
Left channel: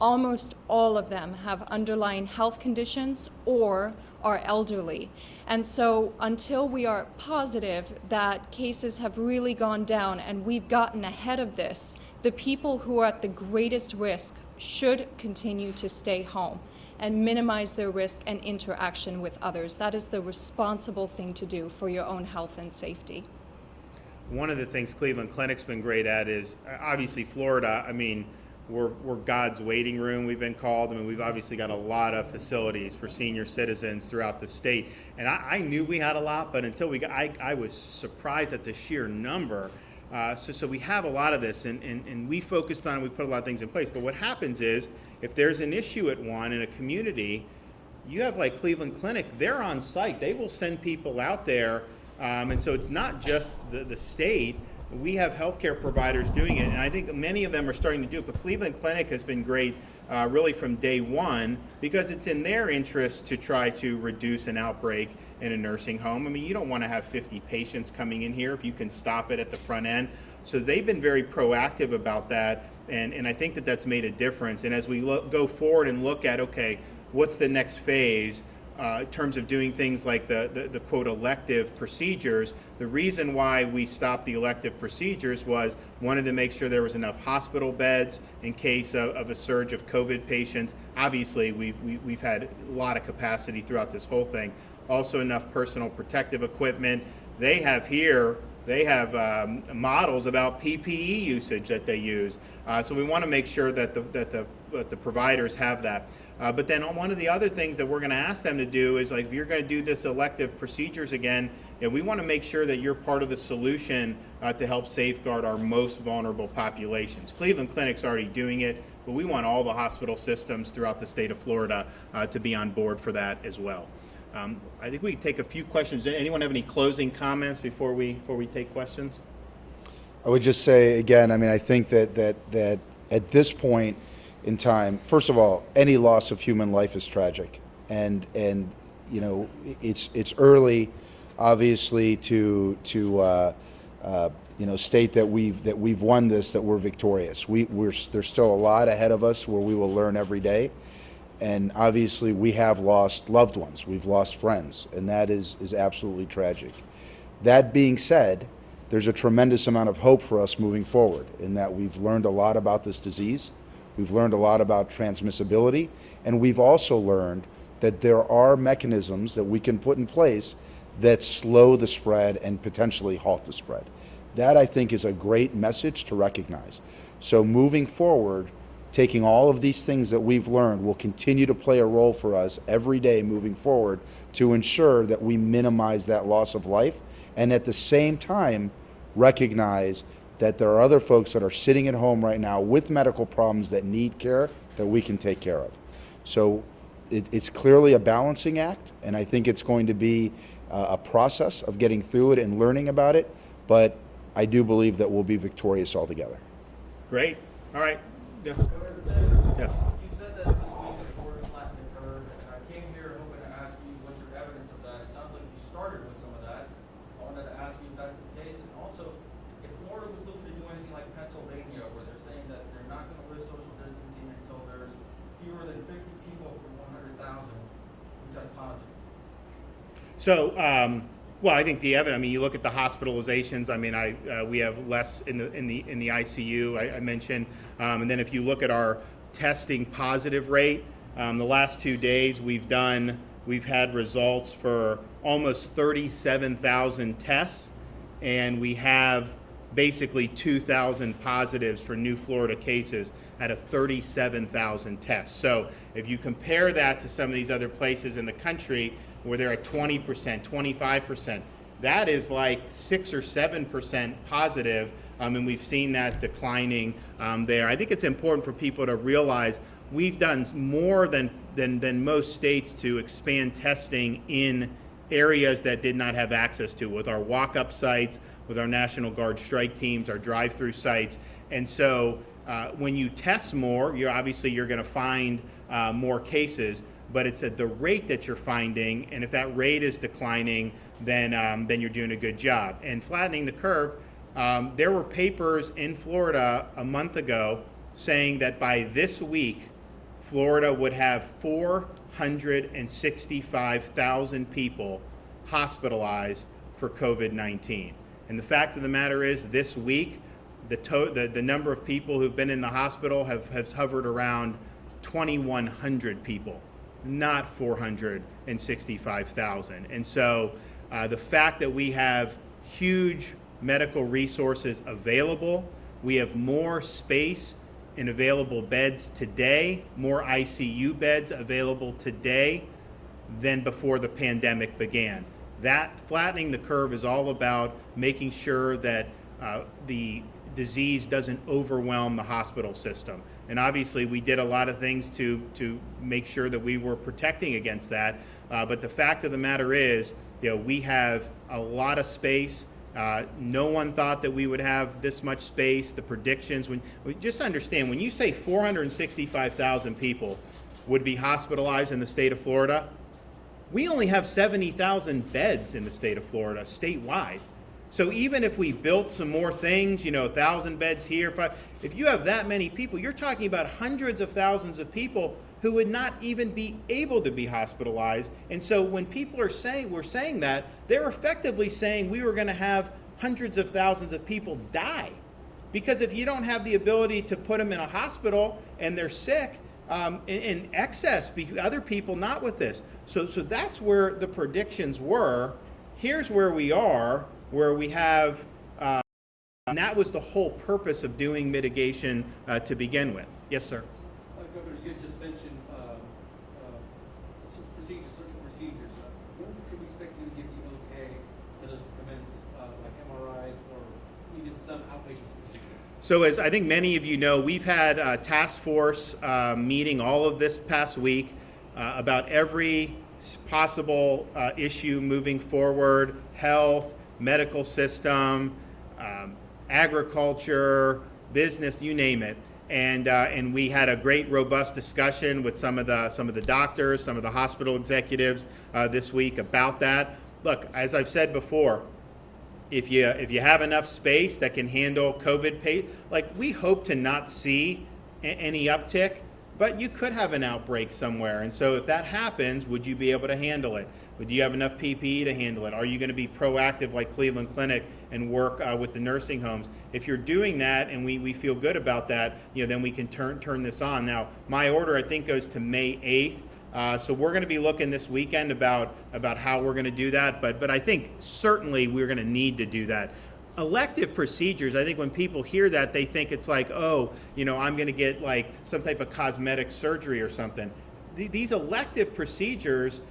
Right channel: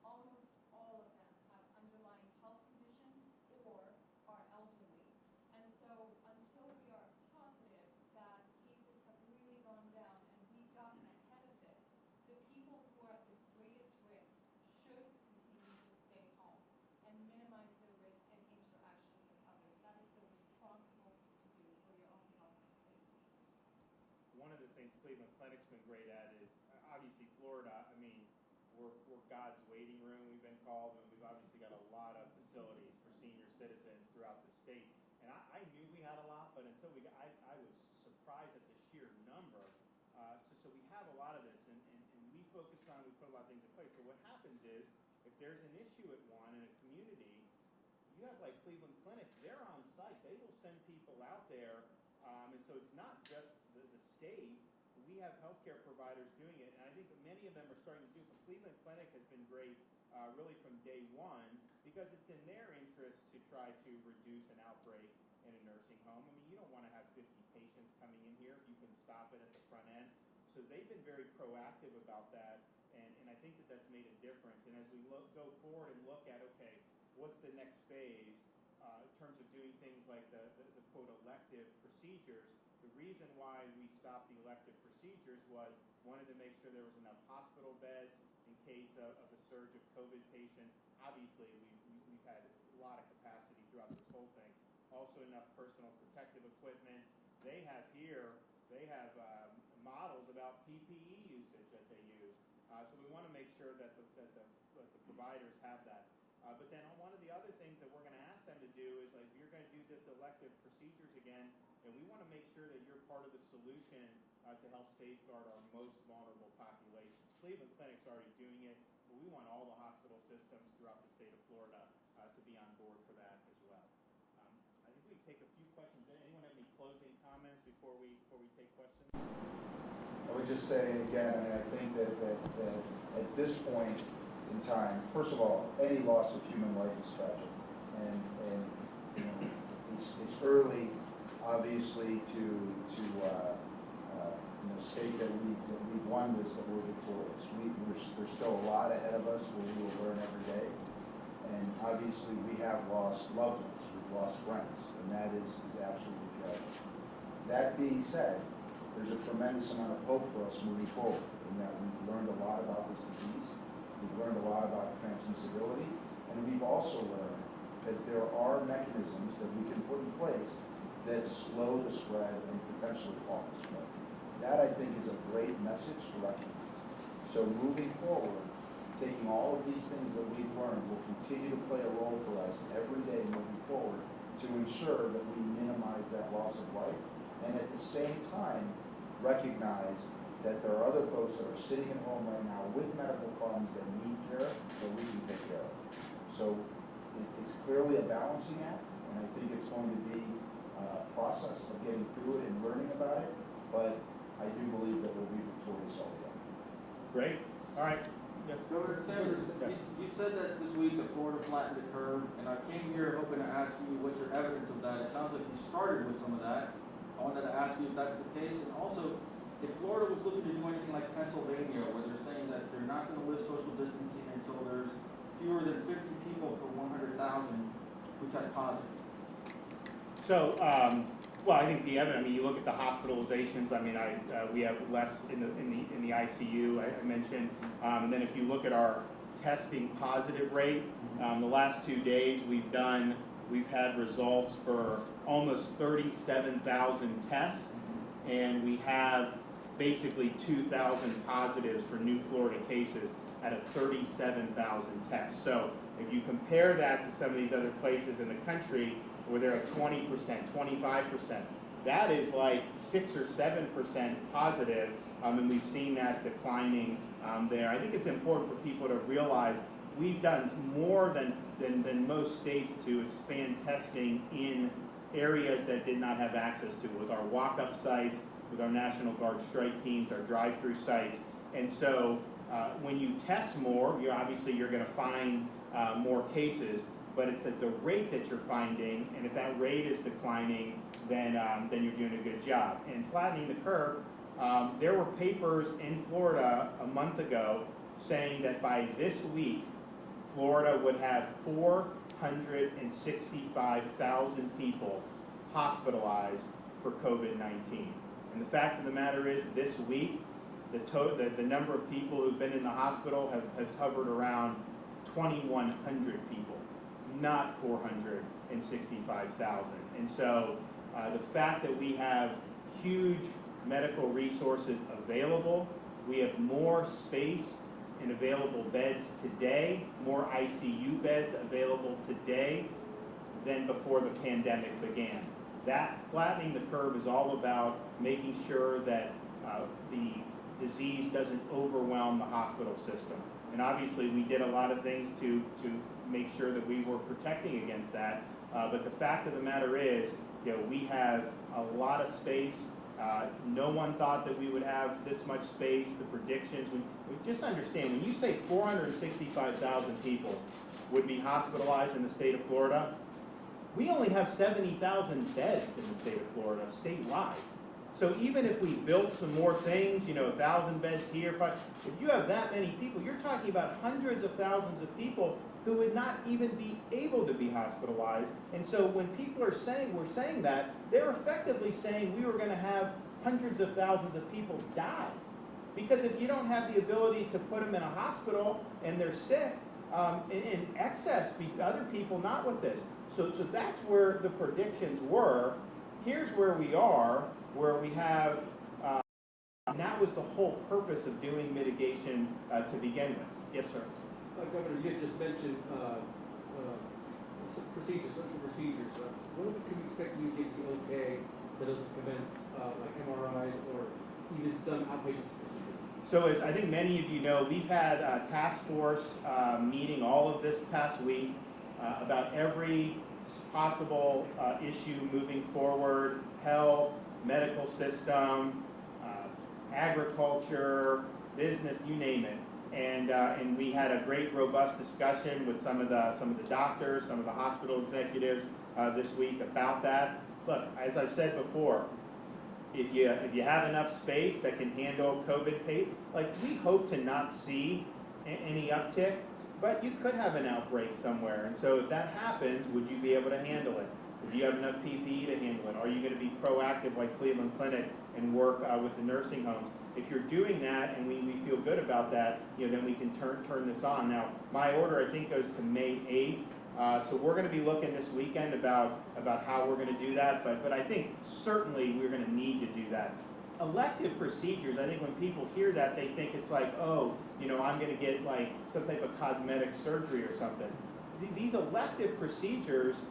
almost all of them have underlying health conditions or are elderly. And so until we are positive that cases have really gone down and we've gotten ahead of this, the people who are at the greatest risk should continue to stay home and minimize their risk and interaction with others. That is the responsible thing to do for your own health and safety. One of the things Cleveland Clinic's been great at is, obviously Florida, I mean, we're God's waiting room, we've been called. I mean, we've obviously got a lot of facilities for senior citizens throughout the state. And I knew we had a lot, but until I was surprised at the sheer number. So we have a lot of this, and we focused on, we put a lot of things in place. But what happens is, if there's an issue at one in a community, you have like Cleveland Clinic, they're on site. They will send people out there. And so it's not just the state. We have healthcare providers doing it, and I think many of them are starting to do it. But Cleveland Clinic has been great really from day one, because it's in their interest to try to reduce an outbreak in a nursing home. I mean, you don't want to have 50 patients coming in here if you can stop it at the front end. So they've been very proactive about that, and I think that that's made a difference. And as we go forward and look at, okay, what's the next phase in terms of doing things like the quote elective procedures, the reason why we stopped the elective procedures was wanted to make sure there was enough hospital beds in case of a surge of COVID patients. Obviously, we've had a lot of capacity throughout this whole thing. Also enough personal protective equipment. They have models about PPE usage that they use. So we want to make sure that the providers have that. But then one of the other things that we're going to ask them to do is, like, if you're going to do this elective procedures again, we want to make sure that you're part of the solution to help safeguard our most vulnerable populations. Cleveland Clinic's already doing it, but we want all the hospital systems throughout the state of Florida to be on board for that as well. I think we can take a few questions. Anyone have any closing comments before we take questions? I would just say again, I mean, I think that at this point in time, first of all, any loss of human life is tragic, and it's early, obviously, to state that we've won this, that we're victorious. There's still a lot ahead of us where we will learn every day, and obviously we have lost loved ones, we've lost friends, and that is absolutely tragic. That being said, there's a tremendous amount of hope for us moving forward, in that we've learned a lot about this disease. We've learned a lot about transmissibility, and we've also learned that there are mechanisms that we can put in place that slow the spread and potentially halt the spread. That, I think, is a great message to recognize. So moving forward, taking all of these things that we've learned will continue to play a role for us every day moving forward to ensure that we minimize that loss of life, and at the same time recognize that there are other folks that are sitting at home right now with medical problems that need care that we can take care of. So it's clearly a balancing act, and I think it's going to be a process of getting through it and learning about it, but I do believe that we'll be victorious altogether. Great. All right. Yes. Governor DeSantis, Yes. you said that this week that Florida flattened the curve, and I can't Well, I think the evidence. I mean, you look at the hospitalizations. I mean, we have less in the ICU. I mentioned, and then if you look at our testing positive rate, the last 2 days we've had results for almost 37,000 tests, and we have basically 2,000 positives for new Florida cases out of 37,000 tests. So if you compare that to some of these other places in the country where they're at 20%, 25%, that is like 6 or 7% positive, and we've seen that declining there. I think it's important for people to realize we've done more than most states to expand testing in areas that did not have access to, with our walk-up sites, with our National Guard strike teams, our drive-through sites. And so when you test more, you're going to find more cases, but it's at the rate that you're finding, and if that rate is declining, then you're doing a good job. And flattening the curve, there were papers in Florida a month ago saying that by this week, Florida would have 465,000 people hospitalized for COVID-19. And the fact of the matter is, this week, the number of people who've been in the hospital has hovered around 2,100 people, not 465,000. And so the fact that we have huge medical resources available, we have more space in available beds today, more ICU beds available today than before the pandemic began. That flattening the curve is all about making sure that the disease doesn't overwhelm the hospital system. And obviously we did a lot of things to make sure that we were protecting against that. But the fact of the matter is, we have a lot of space. No one thought that we would have this much space. The predictions, just understand, when you say 465,000 people would be hospitalized in the state of Florida, we only have 70,000 beds in the state of Florida statewide. So even if we built some more things, 1,000 beds here, if you have that many people, you're talking about hundreds of thousands of people who would not even be able to be hospitalized. And so when people are saying, we're saying that, they're effectively saying we were going to have hundreds of thousands of people die. Because if you don't have the ability to put them in a hospital and they're sick, in excess, other people not with this. So that's where the predictions were. Here's where we are, where we have, and that was the whole purpose of doing mitigation to begin with. Yes, sir. Governor, you had just mentioned surgical procedures. When can we expect you to give the okay that doesn't commence like MRIs or even some outpatient procedures? So as I think many of you know, we've had a task force meeting all of this past week about every possible issue moving forward: health, medical system, agriculture, business, you name it. And we had a great, robust discussion with some of the doctors, some of the hospital executives this week about that. Look, as I've said before, if you have enough space that can handle COVID, we hope to not see any uptick, but you could have an outbreak somewhere. And so if that happens, would you be able to handle it? Do you have enough PPE to handle it? Are you going to be proactive like Cleveland Clinic and work with the nursing homes? If you're doing that, and we feel good about that, then we can turn this on. Now, my order, I think, goes to May 8th. So we're going to be looking this weekend about how we're going to do that. But I think certainly we're going to need to do that. Elective procedures, I think when people hear that, they think it's like, I'm going to get like some type of cosmetic surgery or something. These elective procedures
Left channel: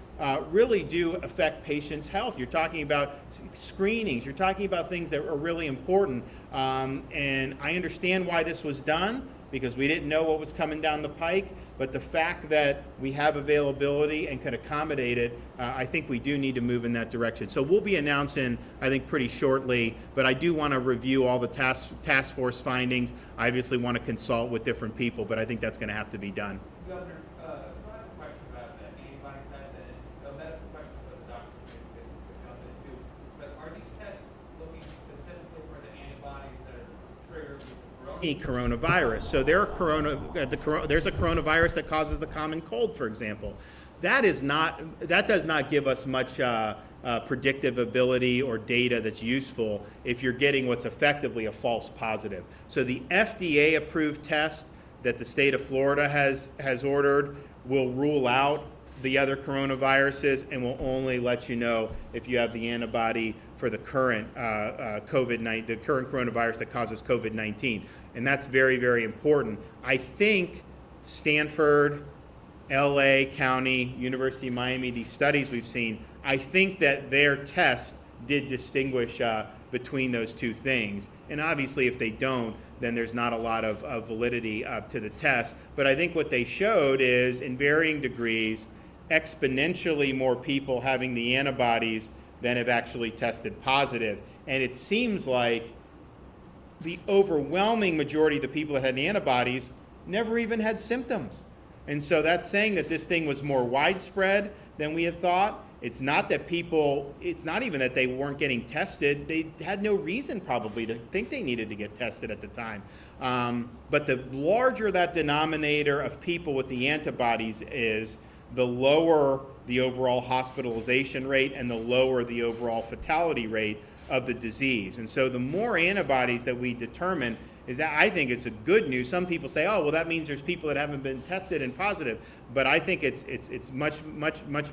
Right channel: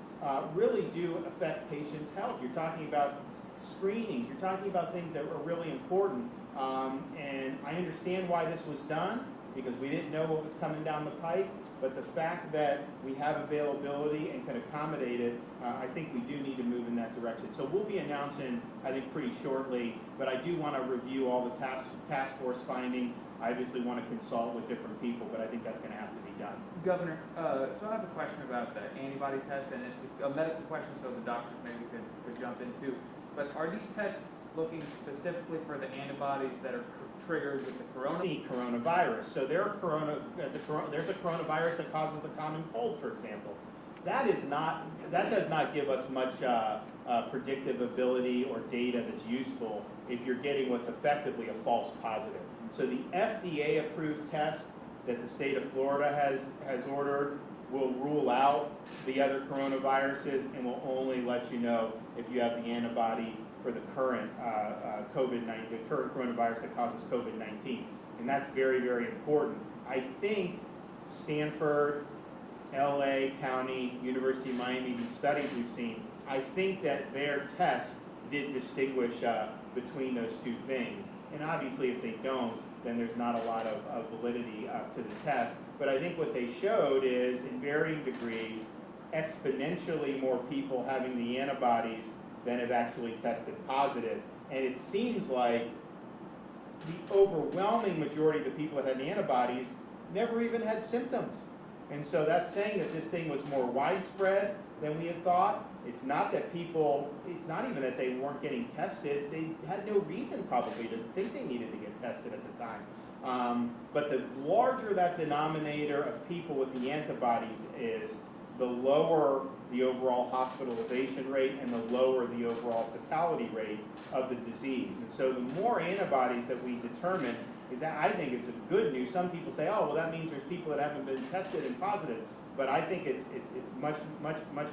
really do affect patients' health. You're talking about screenings. You're talking about things that are really important. And I understand why this was done, because we didn't know what was coming down the pike. But the fact that we have availability and can accommodate it, I think we do need to move in that direction. So we'll be announcing, I think, pretty shortly. But I do want to review all the task force findings. I obviously want to consult with different people, but I think that's going to have to be done. Governor, so I have a question about the antibody test, and it's a medical question, so the doctors maybe could jump in too. But are these tests looking specifically for the antibodies that are triggered with the coronavirus? So there's a coronavirus that causes the common cold, for example. That does not give us much predictive ability or data that's useful if you're getting what's effectively a false positive. So the FDA approved test that the state of Florida has ordered will rule out the other coronaviruses and will only let you know if you have the antibody for the current COVID-19, the current coronavirus that causes COVID-19. And that's very, very important. I think Stanford, LA County, University of Miami, these studies we've seen, I think that their test did distinguish between those two things. And obviously if they don't, then there's not a lot of validity to the test. But I think what they showed is, in varying degrees, exponentially more people having the antibodies than have actually tested positive. And it seems like the overwhelming majority of the people that had the antibodies never even had symptoms. And so that's saying that this thing was more widespread than we had thought. It's not that people, it's not even that they weren't getting tested. They had no reason probably to think they needed to get tested at the time. But the larger that denominator of people with the antibodies is, the lower the overall hospitalization rate and the lower the overall fatality rate of the disease. And so the more antibodies that we determine, is that I think it's a good news. Some people say, oh, well, that means there's people that haven't been tested and positive. But I think it's much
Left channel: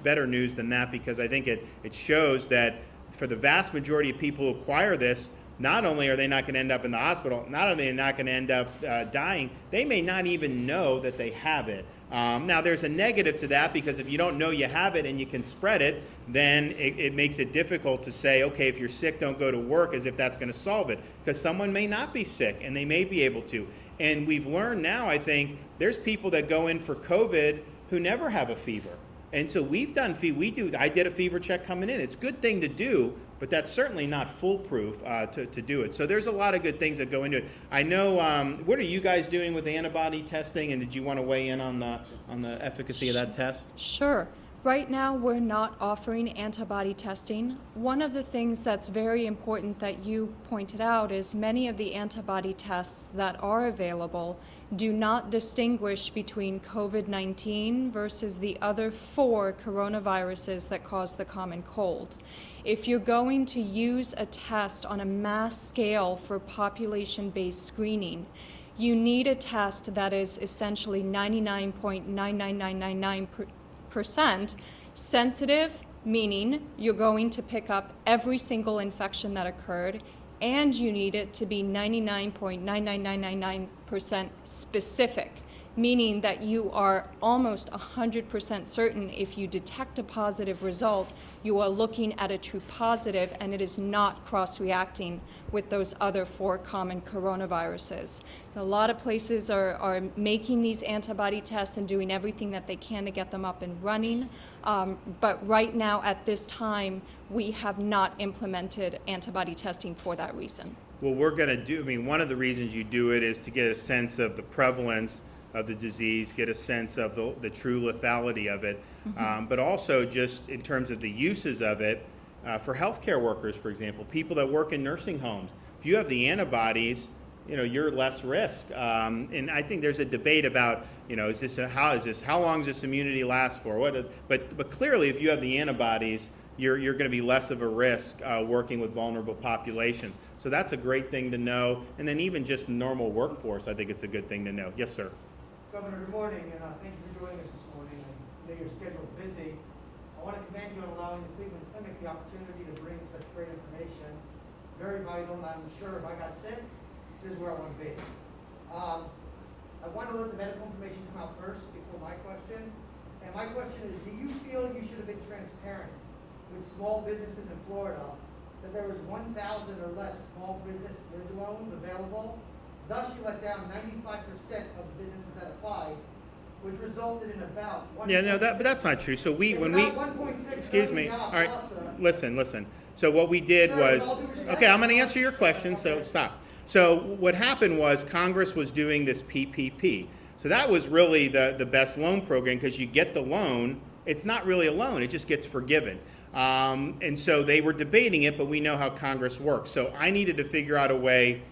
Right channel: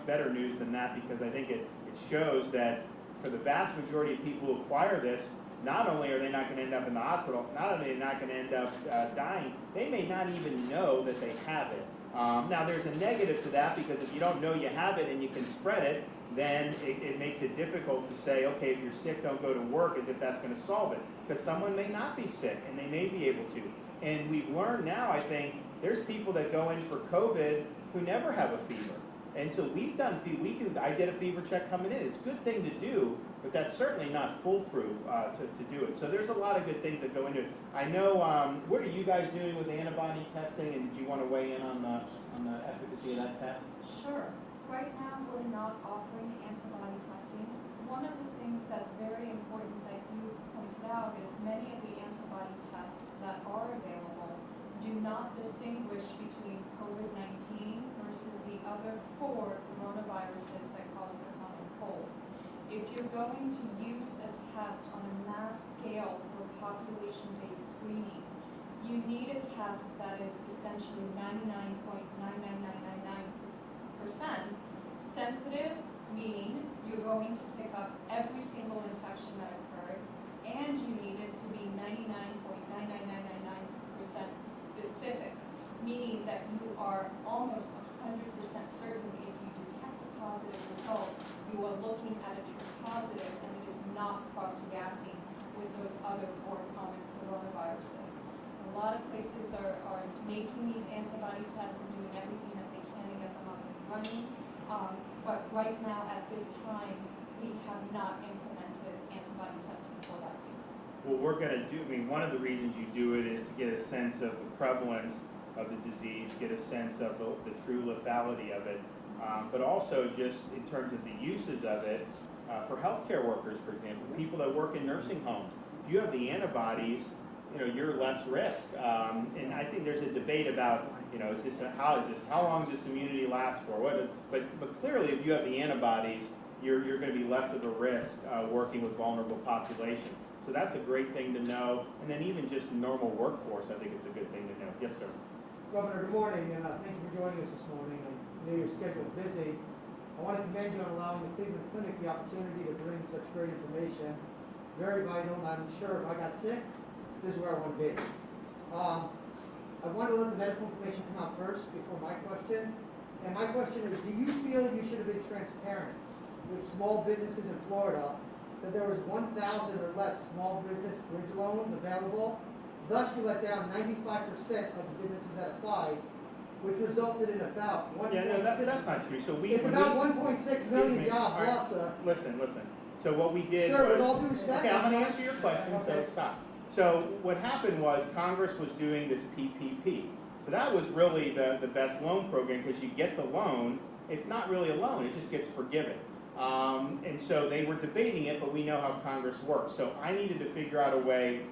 better news than that, because I think it shows that for the vast majority of people who acquire this, not only are they not going to end up in the hospital, not only are they not going to end up dying, they may not even know that they have it. Now, there's a negative to that, because if you don't know you have it and you can spread it, then it makes it difficult to say, okay, if you're sick, don't go to work, as if that's going to solve it, because someone may not be sick and they may be able to. And we've learned now, I think, there's people that go in for COVID who never have a fever. And so I did a fever check coming in. It's a good thing to do, but that's certainly not foolproof to do it. So there's a lot of good things that go into it. I know, what are you guys doing with antibody testing, and did you want to weigh in on the efficacy of that test? Sure. Right now, we're not offering antibody testing. One of the things that's very important that you pointed out is many of the antibody tests that are available do not distinguish between COVID-19 versus the other 4 coronaviruses that cause the common cold. If you're going to use a test on a mass scale for population-based screening, you need a test that is essentially 99.99999% sensitive, meaning you're going to pick up every single infection that occurred, and you need it to be 99.99999% specific, meaning that you are almost 100% certain if you detect a positive result, you are looking at a true positive and it is not cross-reacting with those other 4 common coronaviruses. A lot of places are making these antibody tests and doing everything that they can to get them up and running. But right now, at this time, we have not implemented antibody testing for that reason. Well, we're going to do, one of the reasons you do it is to get a sense of the prevalence of the disease, get a sense of the true lethality of it, but also just in terms of the uses of it for healthcare workers, for example, people that work in nursing homes. If you have the antibodies, you're less risk. And I think there's a debate about, how long does this immunity last for? But clearly, if you have the antibodies, you're going to be less of a risk working with vulnerable populations. So that's a great thing to know. And then even just normal workforce, I think it's a good thing to know. Yes, sir. Governor, good morning, and thank you for joining us this morning. I know your schedule is busy. I want to commend you on allowing the Cleveland Clinic the opportunity to bring such great information. Very vital, and I'm sure if I got sick, this is where I want to be. I want to let the medical information come out first before my question. And my question is, do you feel you should have been transparent with small businesses in Florida that there was 1,000 or less small business bridge loans available? Thus, you let down 95% of the businesses that applied, which resulted in about 1. Yeah, no, that's not true. So excuse me. All right, listen. So what we did was, okay, I'm going to answer your question. So stop. So what happened was Congress was doing this PPP. So that was really the best loan program, because you get the loan. It's not really a loan. It just gets forgiven. And so they were debating it, but we know how Congress works. So I needed to figure out a way.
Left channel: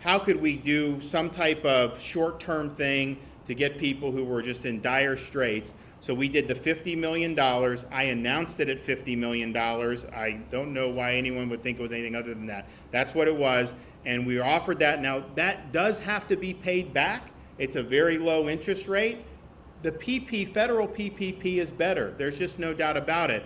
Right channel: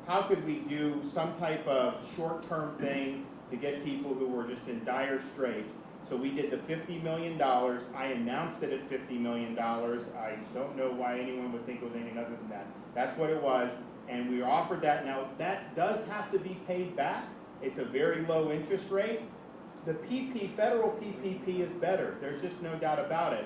How could we do some type of short-term thing to get people who were just in dire straits? So we did the $50 million. I announced it at $50 million. I don't know why anyone would think it was anything other than that. That's what it was. And we were offered that. Now, that does have to be paid back. It's a very low interest rate. The federal PPP is better. There's just no doubt about it.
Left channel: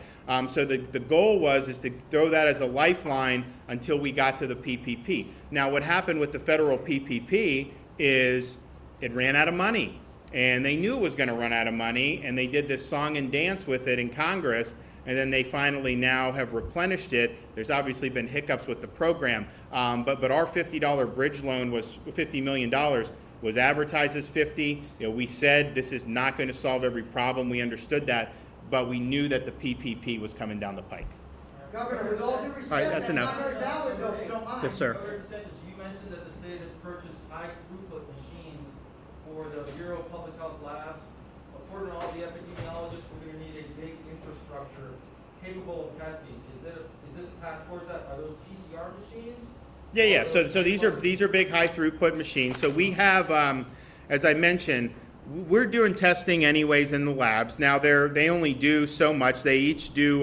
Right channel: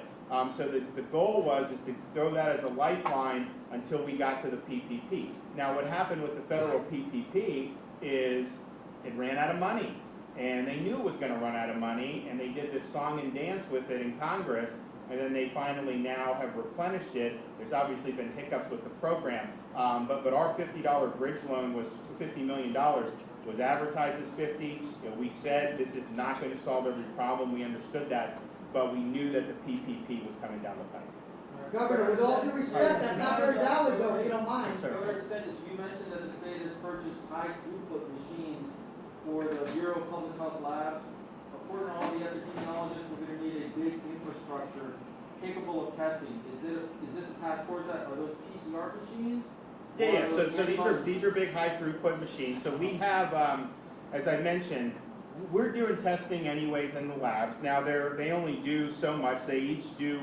So the goal is to throw that as a lifeline until we got to the PPP. Now, what happened with the federal PPP is it ran out of money. And they knew it was going to run out of money, and they did this song and dance with it in Congress, and then they finally now have replenished it. There's obviously been hiccups with the program, but our $50 bridge loan was $50 million, was advertised as 50. We said this is not going to solve every problem. We understood that, but we knew that the PPP was coming down the pike. Governor, with all due respect, that's that's enough. not very valid though, if you don't mind. Yes, sir. Governor DeSantis, you mentioned that the state has purchased high throughput machines for the Bureau of Public Health labs. According to all the epidemiologists, we're going to need a big infrastructure capable of testing. Is this a path towards that? Are those PCR machines? Yeah. So these are big high throughput machines. So we have, as I mentioned, we're doing testing anyways in the labs. Now they only do so much. They each do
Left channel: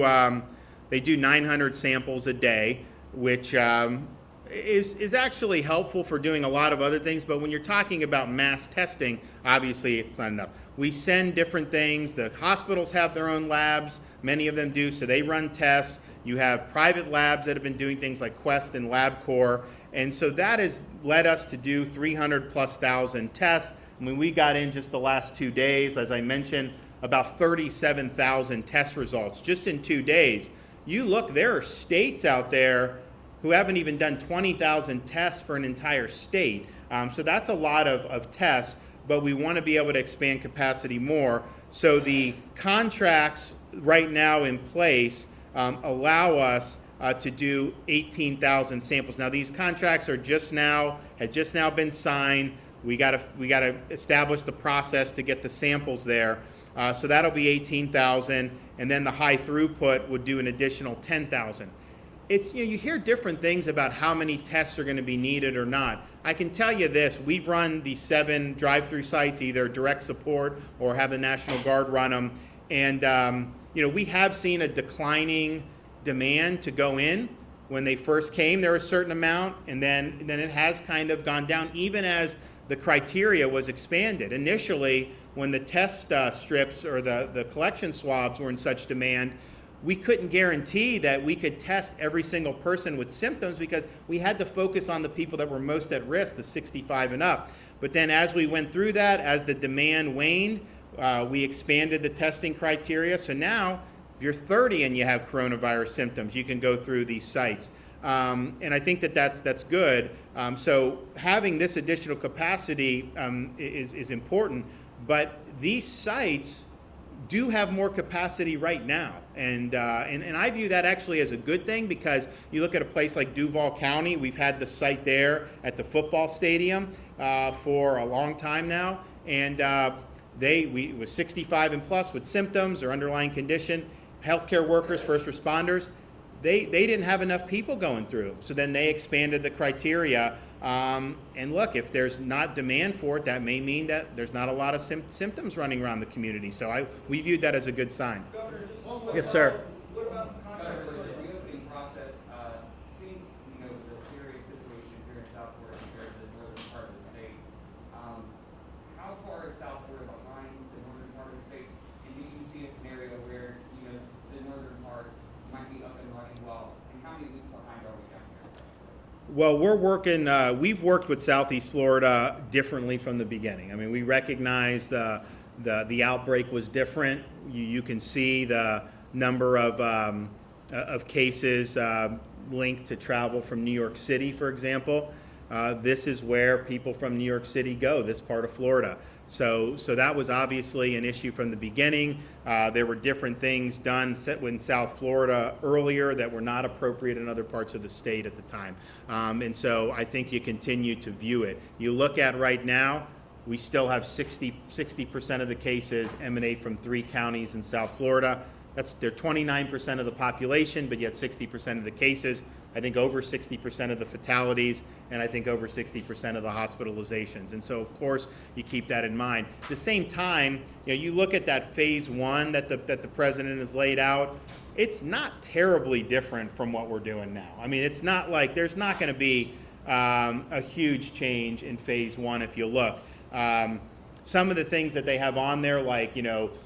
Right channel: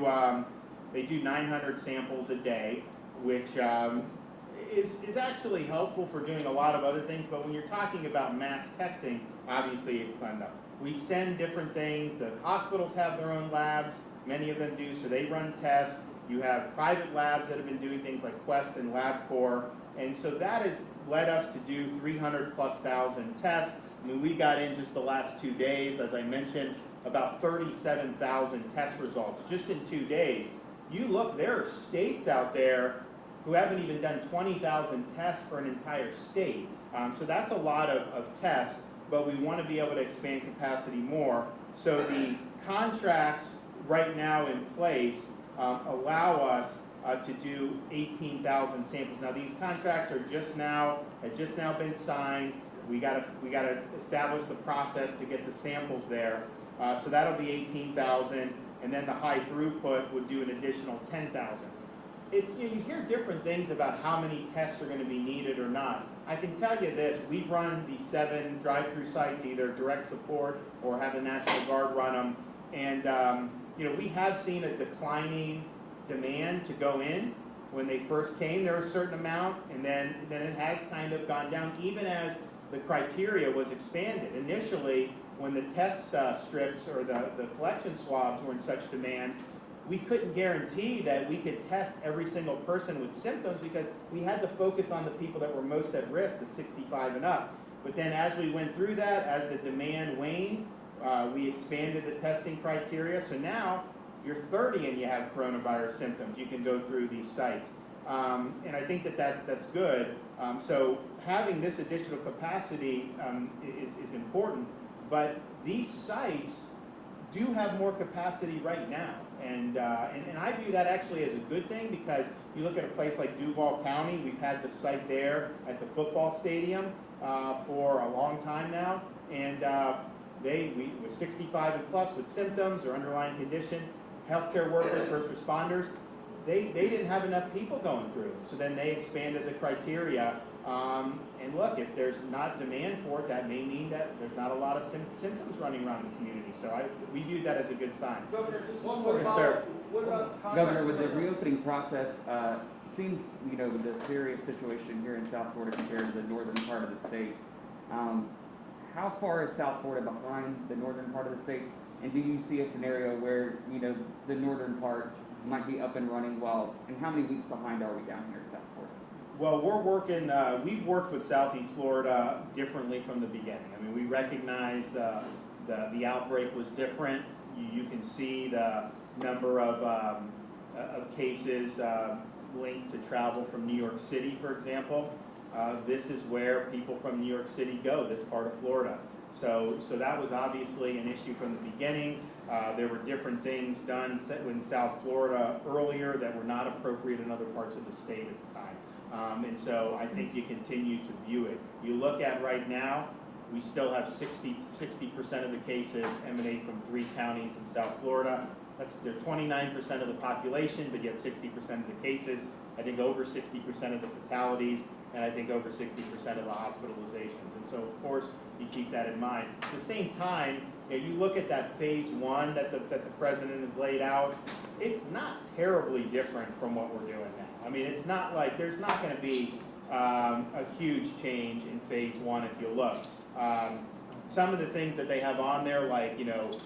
900 samples a day, which is actually helpful for doing a lot of other things. But when you're talking about mass testing, obviously it's not enough. We send different things. The hospitals have their own labs. Many of them do, so they run tests. You have private labs that have been doing things like Weston, LabCorp, and so that has led us to do 300,000+ tests. I mean, we got in just the last 2 days, as I mentioned, about 37,000 test results just in 2 days. You look, there are states out there who haven't even done 20,000 tests for an entire state. So that's a lot of tests, but we want to be able to expand capacity more. So the contracts right now in place allow us to do 18,000 samples. Now these contracts had just now been signed. We got to establish the process to get the samples there. So that'll be 18,000, and then the high throughput would do an additional 10,000. It's, you hear different things about how many tests are going to be needed or not. I can tell you this: we've run these 7 drive-through sites, either direct support or have the National Guard run them, and we have seen a declining demand to go in. When they first came, there was a certain amount, and then it has kind of gone down, even as the criteria was expanded. Initially, when the test strips or the collection swabs were in such demand, we couldn't guarantee that we could test every single person with symptoms because we had to focus on the people that were most at risk, the 65 and up. But then as we went through that, as the demand waned, we expanded the testing criteria. So now, if you're 30 and you have coronavirus symptoms, you can go through these sites. And I think that's good. So having this additional capacity is important. But these sites do have more capacity right now. And I view that actually as a good thing, because you look at a place like Duval County, we've had the site there at the football stadium for a long time now, and we was 65 and plus with symptoms or underlying condition, healthcare workers, first responders, they didn't have enough people going through, so then they expanded the criteria. And look, if there's not demand for it, that may mean that there's not a lot of symptoms running around the community. So we viewed that as a good sign. Governor, just one more Yes, follow-up. sir. What about the Governor, with the contracts? reopening process, seems, with the serious situation here in South Florida compared to the northern part of the state, how far is South Florida behind the northern part of the state? And do you see a scenario where, the northern part might be up and running and how many weeks behind are we down here in South Florida? Well, we've worked with Southeast Florida differently from the beginning. I mean, we recognize the outbreak was different. You can see the number of cases linked to travel from New York City, for example. This is where people from New York City go, this part of Florida. So that was obviously an issue from the beginning. There were different things done in South Florida earlier that were not appropriate in other parts of the state at the time. And so I think you continue to view it. You look at right now, we still have 60% of the cases emanate from 3 counties in South Florida. they're 29% of the population, but yet 60% of the cases. I think over 60% of the fatalities, and I think over 60% of the hospitalizations. And so, of course, you keep that in mind. At the same time, you look at that phase 1 that the president has laid out. It's not terribly different from what we're doing now. I mean, it's not like there's not going to be a huge change in phase 1 if you look. Some of the things that they have on there, like,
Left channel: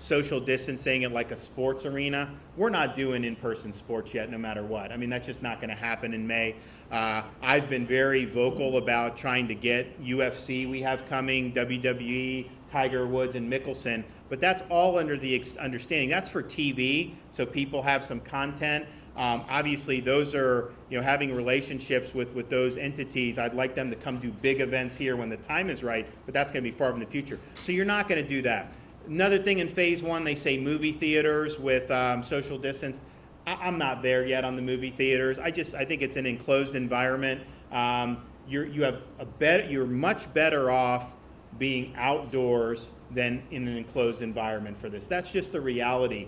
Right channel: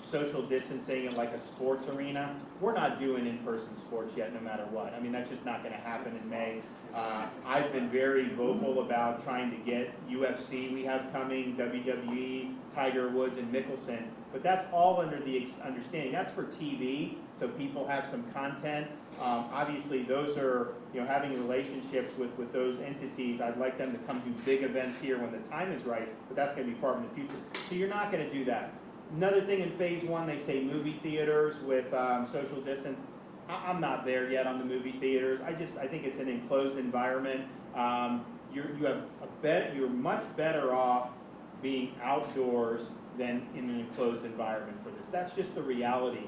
social distancing at like a sports arena, we're not doing in-person sports yet, no matter what. I mean, that's just not going to happen in May. I've been very vocal about trying to get UFC we have coming, WWE, Tiger Woods, and Mickelson, but that's all under the understanding. That's for TV, so people have some content. Obviously, those are, having relationships with those entities. I'd like them to come do big events here when the time is right, but that's going to be far from the future. So you're not going to do that. Another thing in phase 1, they say movie theaters with social distance. I'm not there yet on the movie theaters. I think it's an enclosed environment. You're much better off being outdoors than in an enclosed environment for this. That's just the reality.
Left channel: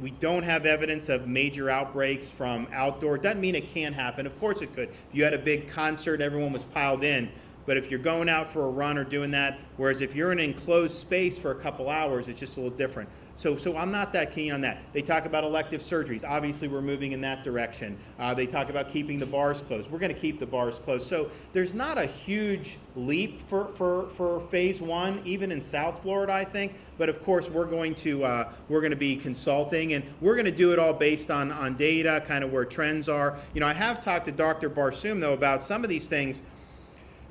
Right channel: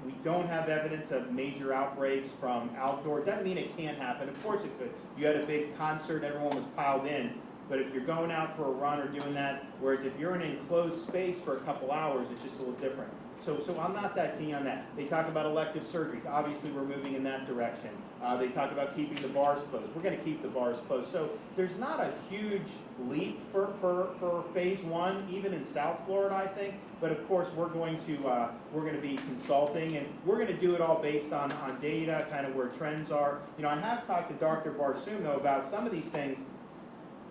We don't have evidence of major outbreaks from outdoor. Doesn't mean it can't happen. Of course it could. If you had a big concert, everyone was piled in. But if you're going out for a run or doing that, whereas if you're in an enclosed space for a couple hours, it's just a little different. So I'm not that keen on that. They talk about elective surgeries. Obviously, we're moving in that direction. They talk about keeping the bars closed. We're going to keep the bars closed. So there's not a huge leap for phase 1, even in South Florida, I think. But of course, we're going to be consulting, and we're going to do it all based on data, kind of where trends are. I have talked to Dr. Barsoom, though, about some of these things.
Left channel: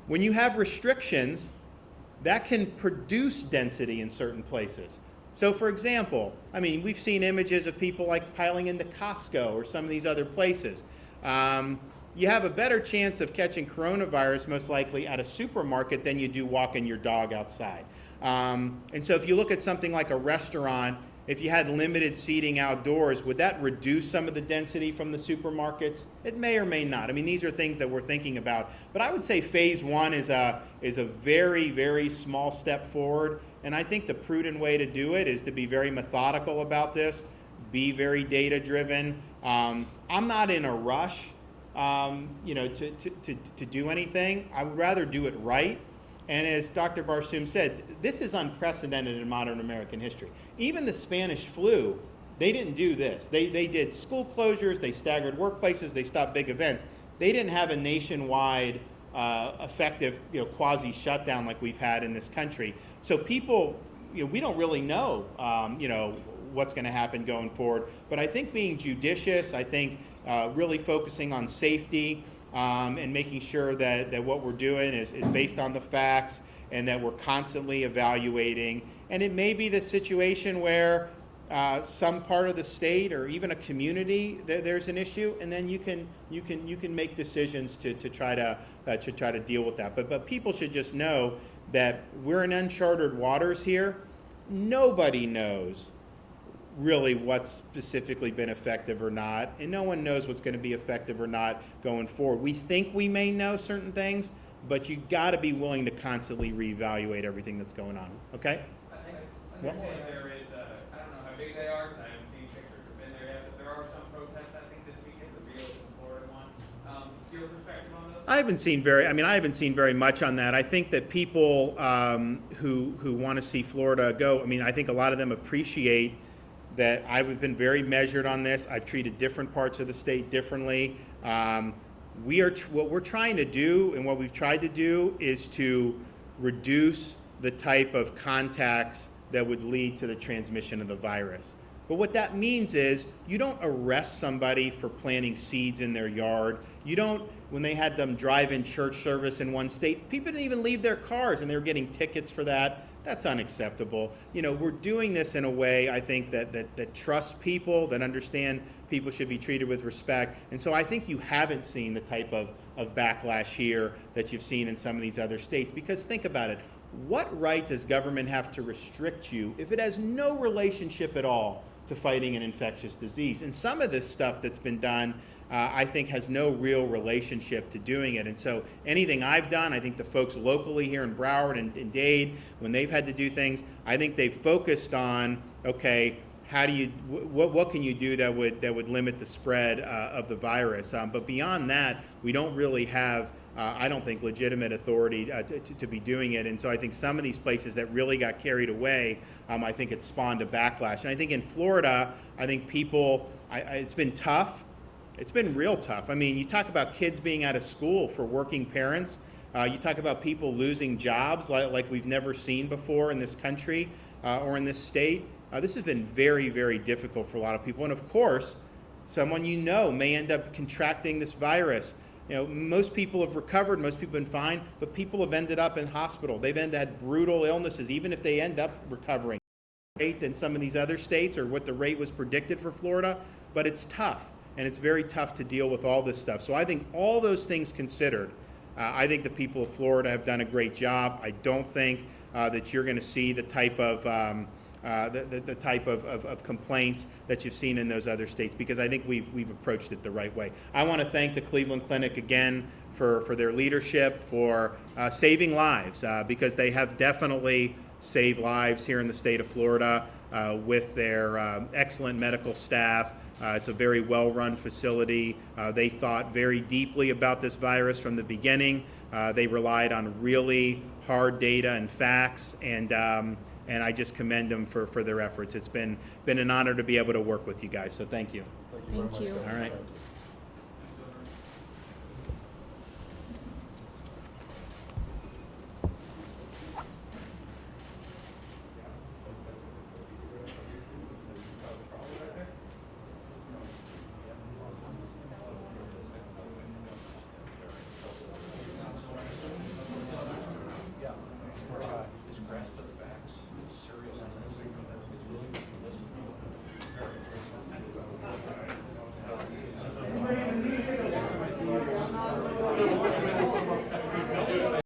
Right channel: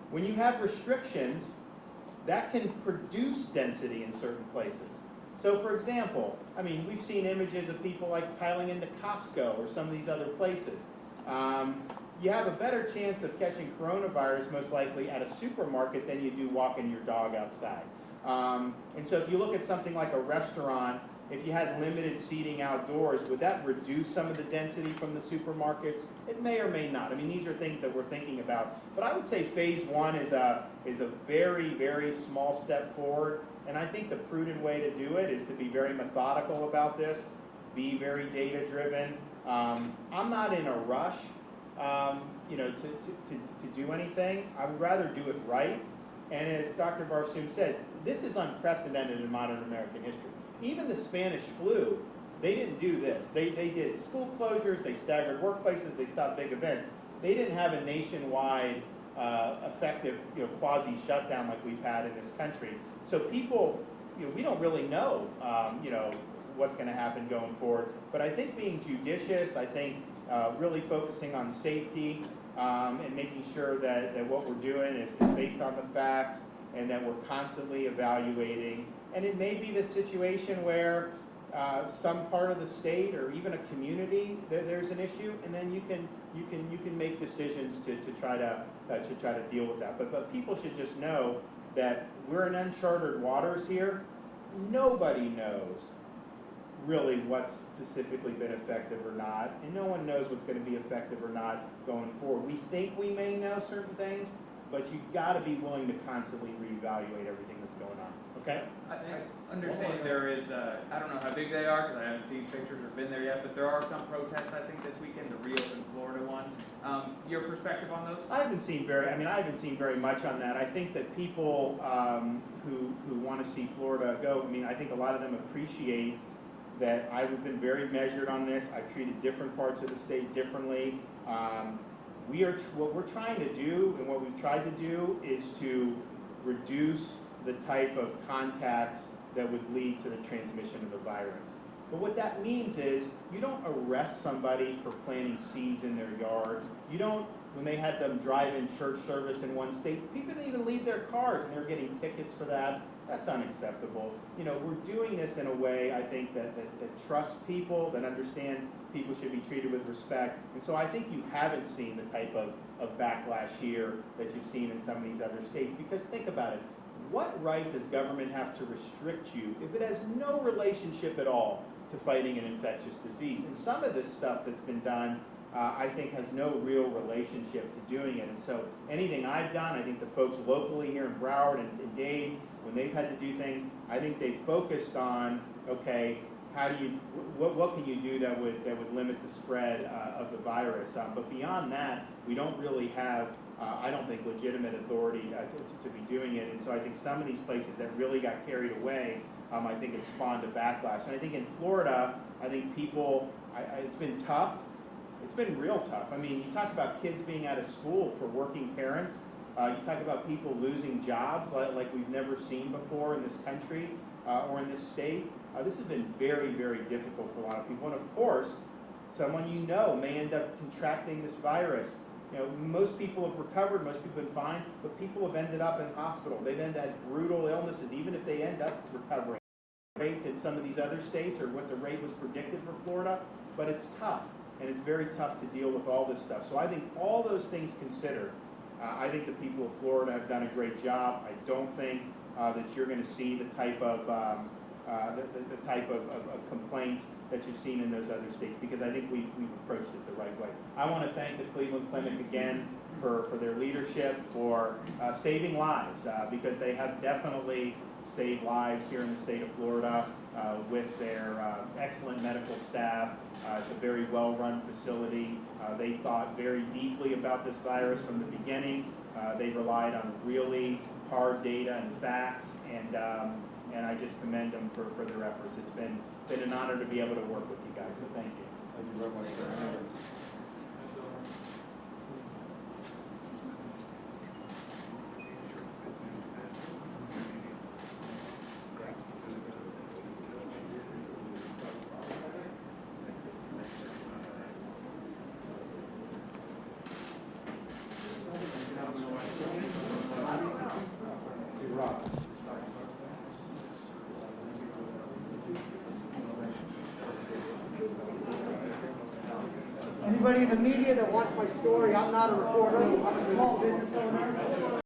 When you have restrictions, that can produce density in certain places. So for example, we've seen images of people like piling into Costco or some of these other places. You have a better chance of catching coronavirus most likely at a supermarket than you do walking your dog outside. And so if you look at something like a restaurant, if you had limited seating outdoors, would that reduce some of the density from the supermarkets? It may or may not. These are things that we're thinking about. But I would say phase 1 is a very, very small step forward. And I think the prudent way to do it is to be very methodical about this, be very data driven. I'm not in a rush, to do anything. I would rather do it right. And as Dr. Barsoom said, this is unprecedented in modern American history. Even the Spanish flu, they didn't do this. They did school closures, they staggered workplaces, they stopped big events. They didn't have a nationwide effective quasi shutdown like we've had in this country. So people, we don't really know what's going to happen going forward. But I think being judicious, I think really focusing on safety and making sure that what we're doing is based on the facts and that we're constantly evaluating. And it may be the situation where some part of the state or even a community there's an issue, and then you can make decisions to try to deal with that. But people should just know that we're in uncharted waters here. Nobody knows really what's specifically been effective or not, and no one knows what's going to be effective or not going forward. We think we may know certain things, but you got to be willing to constantly reevaluate everything that's going on. Okay? I understand there is, I don't know how big they are, because I haven't seen pictures or been there yet, but there are some protests, I think, this weekend, the reopen Florida one. Your perspective on those? I haven't seen very much on that. I think that people who want to see Florida go, I think a lot of them appreciate that I've been very measured on this. I've treated different parts of the state differently. What we're trying to do, and what we've tried to do, is to reduce the type of contacts that would lead to the transmission of the virus. But what that means is you don't arrest somebody for planting seeds in their yard. You don't, when they had them drive-in church service in one state, people didn't even leave their cars and they were getting tickets for that. That's unacceptable. We're doing this in a way, I think, that trusts people, that understand people should be treated with respect. And so I think you haven't seen the type of backlash here that you've seen in some of these other states. Because think about it. What right does government have to restrict you if it has no relationship at all to fighting an infectious disease? And some of this stuff that's been done, I think, has no real relationship to doing it. And so anything I've done, I think the folks locally here in Broward and Dade, when they've had to do things, I think they've focused on, okay, how do you, what can you do that would limit the spread of the virus? But beyond that, we don't really have, I don't think, legitimate authority to be doing it. And so I think some of these places that really got carried away, I think it spawned a backlash. And I think in Florida, I think people, it's been tough. It's been real tough. I mean, you talk about kids being out of school for working parents. You talk about people losing jobs like we've never seen before in this country or in this state. This has been very, very difficult for a lot of people. And of course, someone you know may end up contracting this virus. You know, most people have recovered, most people have been fine, but people have ended up in hospital. They've had brutal illnesses, even if they end up recovering. Rate than some of these other states, or what the rate was predicted for Florida, but it's tough, and it's very tough to deal with all this stuff. So I think all those things considered, I think the people of Florida have done a great job. I don't think that you're going to see the type of the type of complaints that you've seen in those other states, because I think we've approached it the right way. I want to thank the Cleveland Clinic again for their leadership, for saving lives, because they have definitely saved lives here in the state of Florida with their excellent medical staff. It's a very well-run facility. They thought very deeply about this virus from the beginning. They relied on really hard data and facts, and I just commend them for their efforts. It's been an honor to be able to work with you guys, so thank you. Thank you. All right. Anybody in the media that wants my story, I'm not a reporter.